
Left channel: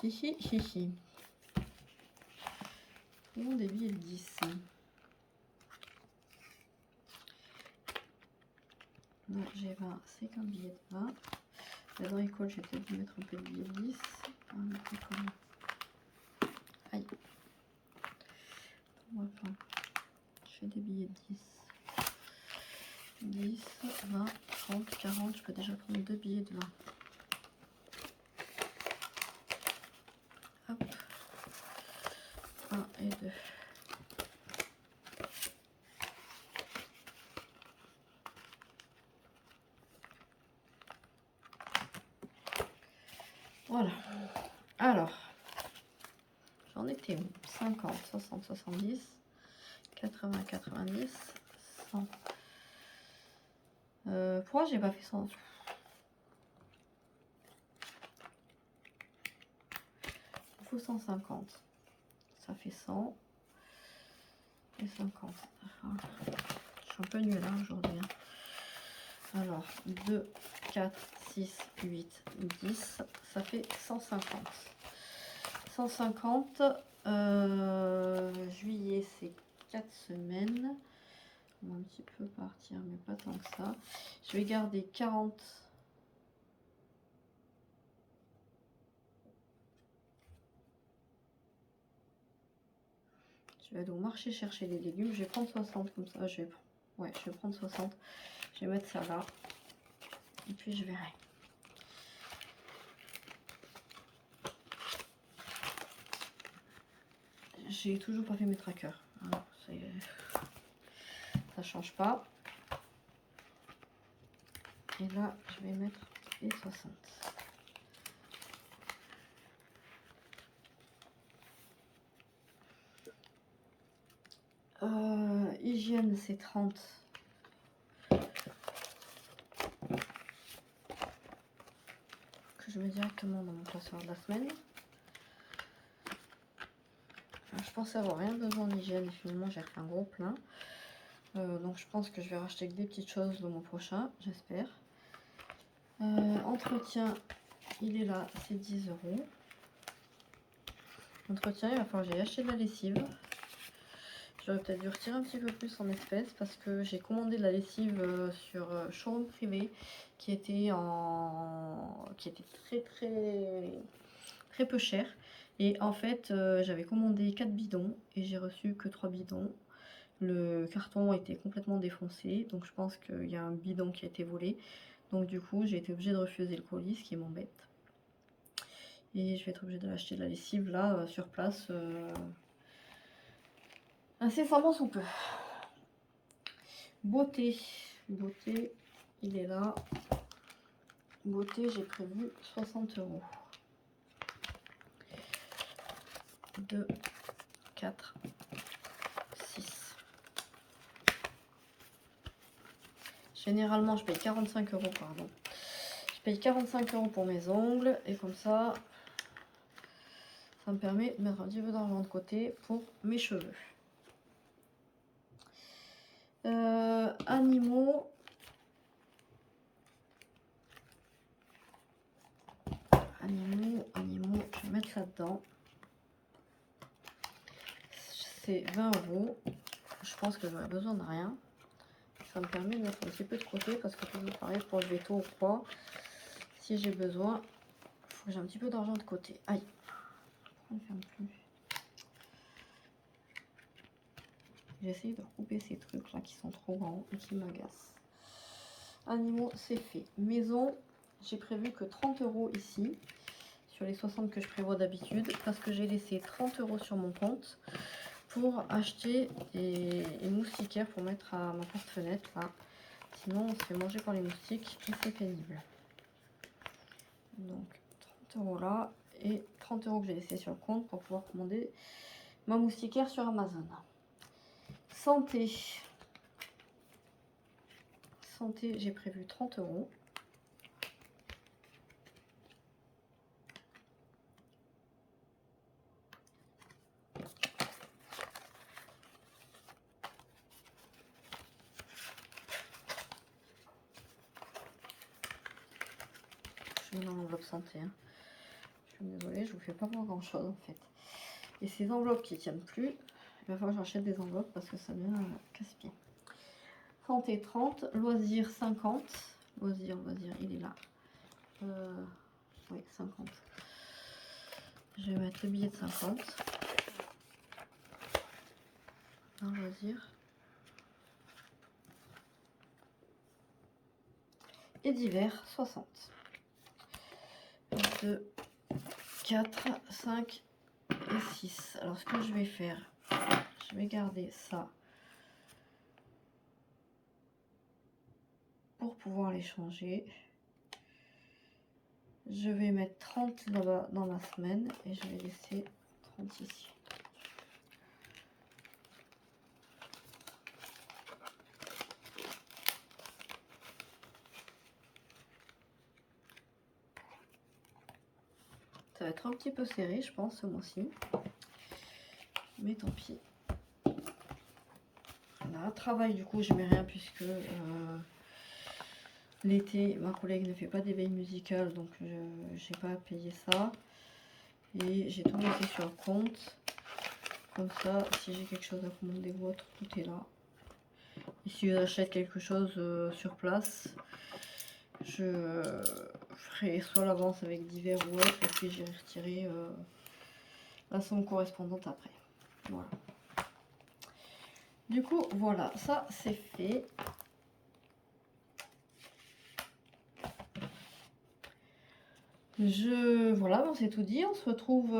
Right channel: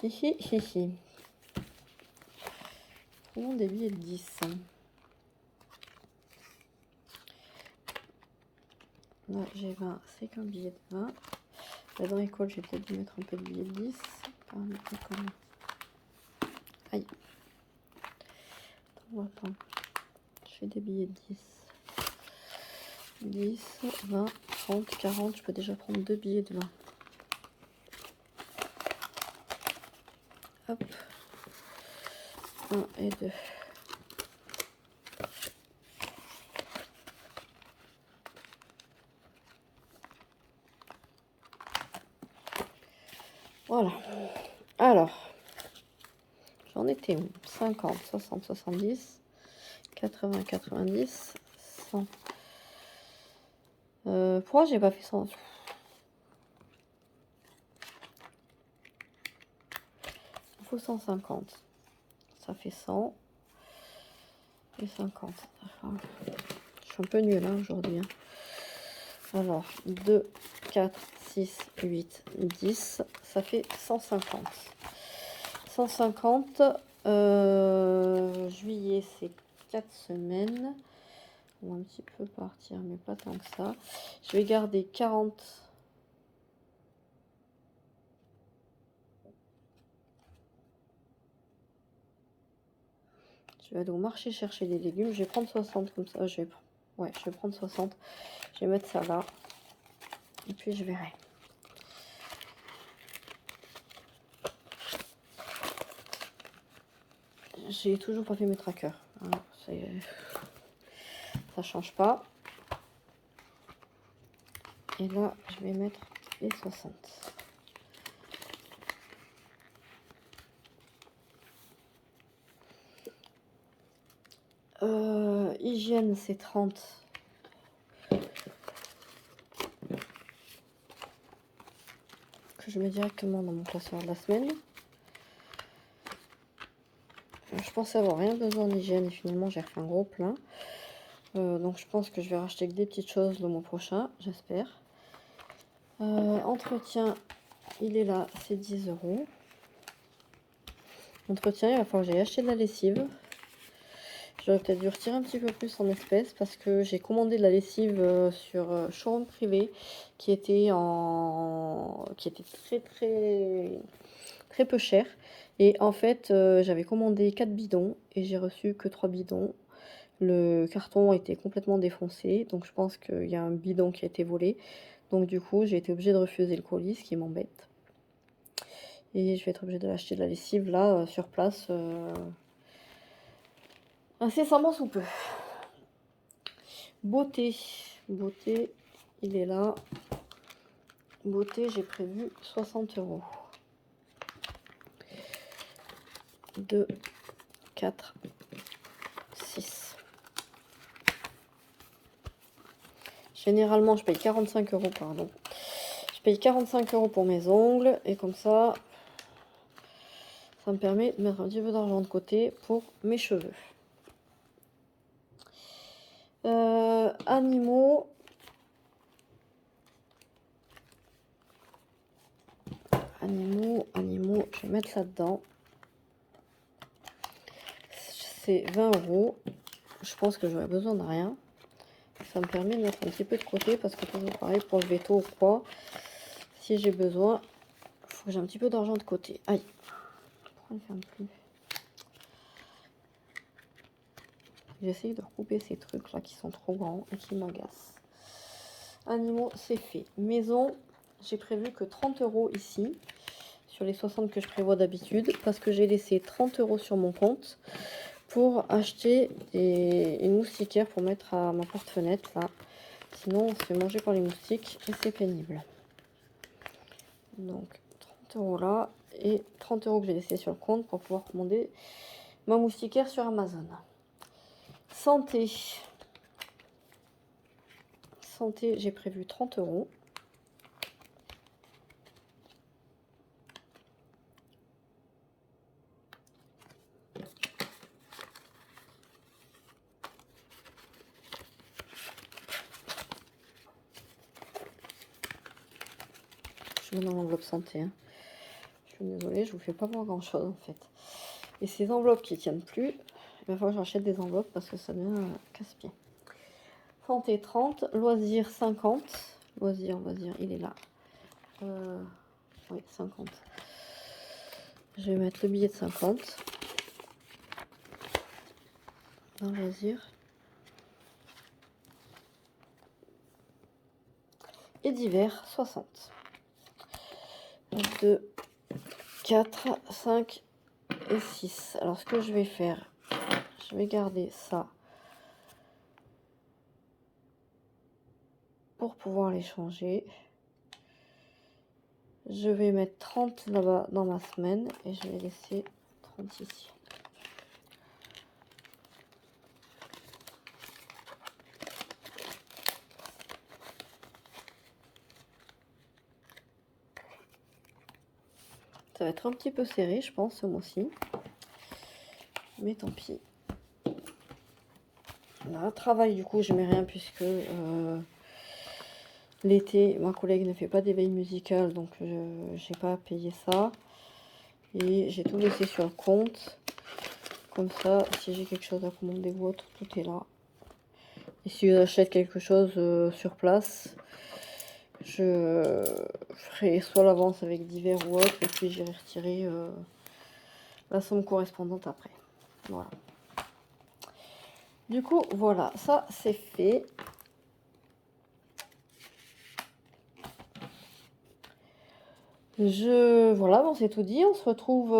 Hihi, hihi. Comment des billets de 10 hein. Là, j'ai 20. C'est qu'un billet de 20. Là, dans l'école, j'ai peut-être dû mettre un peu de billet de 10. Aïe. Attends. Je fais des billets de 10. 10, 20, 30, 40. Je peux déjà prendre deux billets de 20. Hop. 1 et 2. Voilà. Alors, j'en étais où? 50, 60, 70, 80, 90, 100. Pourquoi j'ai pas fait 100? Il faut 150. Ça fait 100 et 50. Enfin, je suis un peu nulle hein, aujourd'hui. Hein. Alors, 2, 4, 6, 8, 10. Ça fait 150. 150. Juillet, c'est 4 semaines. On va un petit peu partir, mais pas tant que ça. Je vais garder 40. Je vais aller au marché chercher des légumes. Je vais prendre 60 comme ça. Ouais, je vais prendre 60. Je vais mettre ça là. Et puis je verrai. J'ai toujours pas fait mes trackers. Voilà, ça change pas. Et là, je vais mettre les 60. Hygiène, c'est 30. Que je mets directement dans mon classeur de la semaine. Je pensais avoir rien besoin d'hygiène et finalement j'ai refait un gros plein. Donc je pense que je vais racheter que des petites choses le mois prochain, j'espère. Entretien, il est là, c'est 10 €. Entretien, il va falloir que j'aille acheter de la lessive. J'aurais peut-être dû retirer un petit peu plus en espèces parce que j'ai commandé de la lessive sur showroom privé qui était très peu cher. Et en fait, j'avais commandé 4 bidons et j'ai reçu que 3 bidons. Le carton était complètement défoncé, donc je pense qu'il y a un bidon qui a été volé. Donc du coup, j'ai été obligée de refuser le colis, ce qui m'embête. Et je vais être obligée de l'acheter de la lessive là, sur place, incessamment sous peu. Beauté, il est là. Beauté, j'ai prévu 60 €. 2, 4, 6. Généralement, je paye 45 €, pardon. Je paye 45 € pour mes ongles et comme ça me permet de mettre un petit peu d'argent de côté pour mes cheveux. Animaux. Je vais mettre ça dedans. C'est 20 €. Je pense que j'aurais besoin de rien. Ça me permet de mettre un petit peu de côté parce que toujours pareil pour le veto ou quoi. Si j'ai besoin, il faut que j'ai un petit peu d'argent de côté. Aïe. J'essaye de recouper ces trucs là qui sont trop grands et qui m'agacent. Animaux, c'est fait. Maison, j'ai prévu que 30 € ici, sur les 60 que je prévois d'habitude, parce que j'ai laissé 30 € sur mon compte pour acheter une moustiquaire pour mettre à ma porte-fenêtre là. Sinon, on se fait manger par les moustiques et c'est pénible. Donc, 30 € là et 30 € que j'ai laissé sur le compte pour pouvoir commander ma moustiquaire sur Amazon. Santé, j'ai prévu 30 €. Je mets dans l'enveloppe santé. Hein. Je suis désolée, je vous fais pas voir grand chose en fait. Et ces enveloppes qui tiennent plus, il va falloir que j'achète des enveloppes parce que ça devient casse-pied. Santé 30, loisirs 50. Loisirs, il est là. Oui, 50. Je vais mettre le billet de 50. Dans loisirs. Et divers 60. 2, 4, 5 et 6. Alors ce que je vais faire, je vais garder ça pour pouvoir les changer. Je vais mettre 30 là-bas dans ma semaine et je vais laisser 30 ici. Ça va être un petit peu serré, je pense, ce mois-ci. Mais tant pis. Là, travail, du coup, je mets rien puisque l'été, ma collègue ne fait pas d'éveil musical, donc je n'ai pas à payer ça. Et j'ai tout laissé sur le compte. Comme ça, si j'ai quelque chose à commander ou autre, tout est là. Et si j'achète quelque chose sur place, je ferai soit l'avance avec divers ou autre, et puis j'ai retiré la somme correspondante après. Voilà. Du coup, voilà, ça c'est fait. Voilà, bon, c'est tout dit. On se retrouve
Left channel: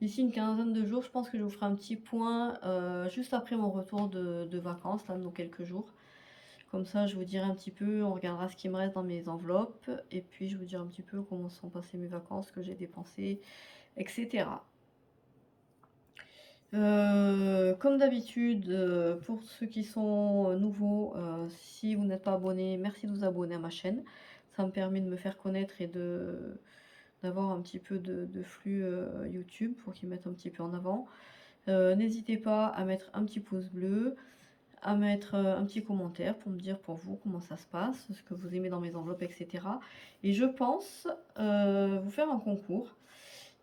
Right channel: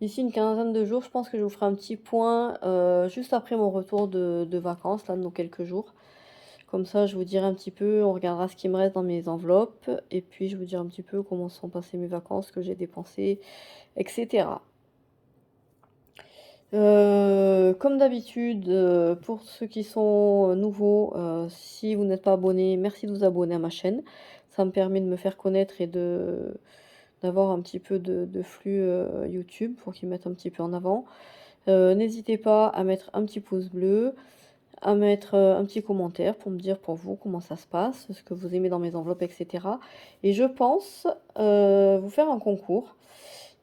d'ici une quinzaine de jours. Je pense que je vous ferai un petit point juste après mon retour de vacances, là, dans quelques jours. Comme ça, je vous dirai un petit peu, on regardera ce qui me reste dans mes enveloppes. Et puis, je vous dirai un petit peu comment sont passées mes vacances, ce que j'ai dépensé, etc. Comme d'habitude, pour ceux qui sont nouveaux, si vous n'êtes pas abonné, merci de vous abonner à ma chaîne. Ça me permet de me faire connaître et d'avoir un petit peu de flux YouTube pour qu'ils mettent un petit peu en avant. N'hésitez pas à mettre un petit pouce bleu, à mettre un petit commentaire pour me dire pour vous comment ça se passe, ce que vous aimez dans mes enveloppes, etc. Et je pense vous faire un concours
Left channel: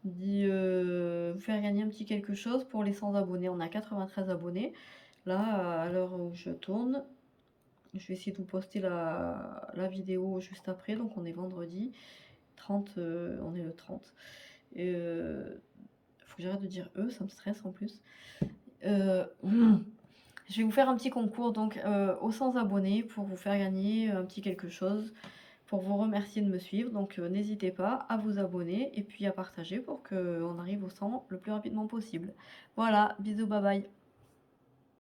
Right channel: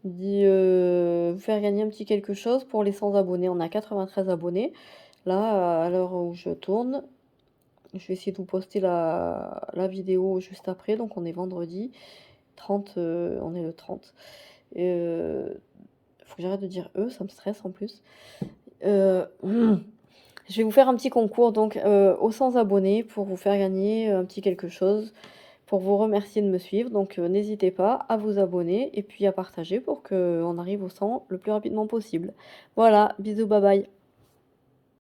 vous faire gagner un petit quelque chose pour les 100 abonnés. On a 93 abonnés. Là, à l'heure où je tourne, je vais essayer de vous poster la vidéo juste après. Donc, on est vendredi 30, on est le 30. Faut que j'arrête de dire ça me stresse en plus. Je vais vous faire un petit concours donc aux 100 abonnés pour vous faire gagner un petit quelque chose pour vous remercier de me suivre. Donc n'hésitez pas à vous abonner et puis à partager pour qu'on arrive au 100 le plus rapidement possible. Voilà, bisous, bye bye.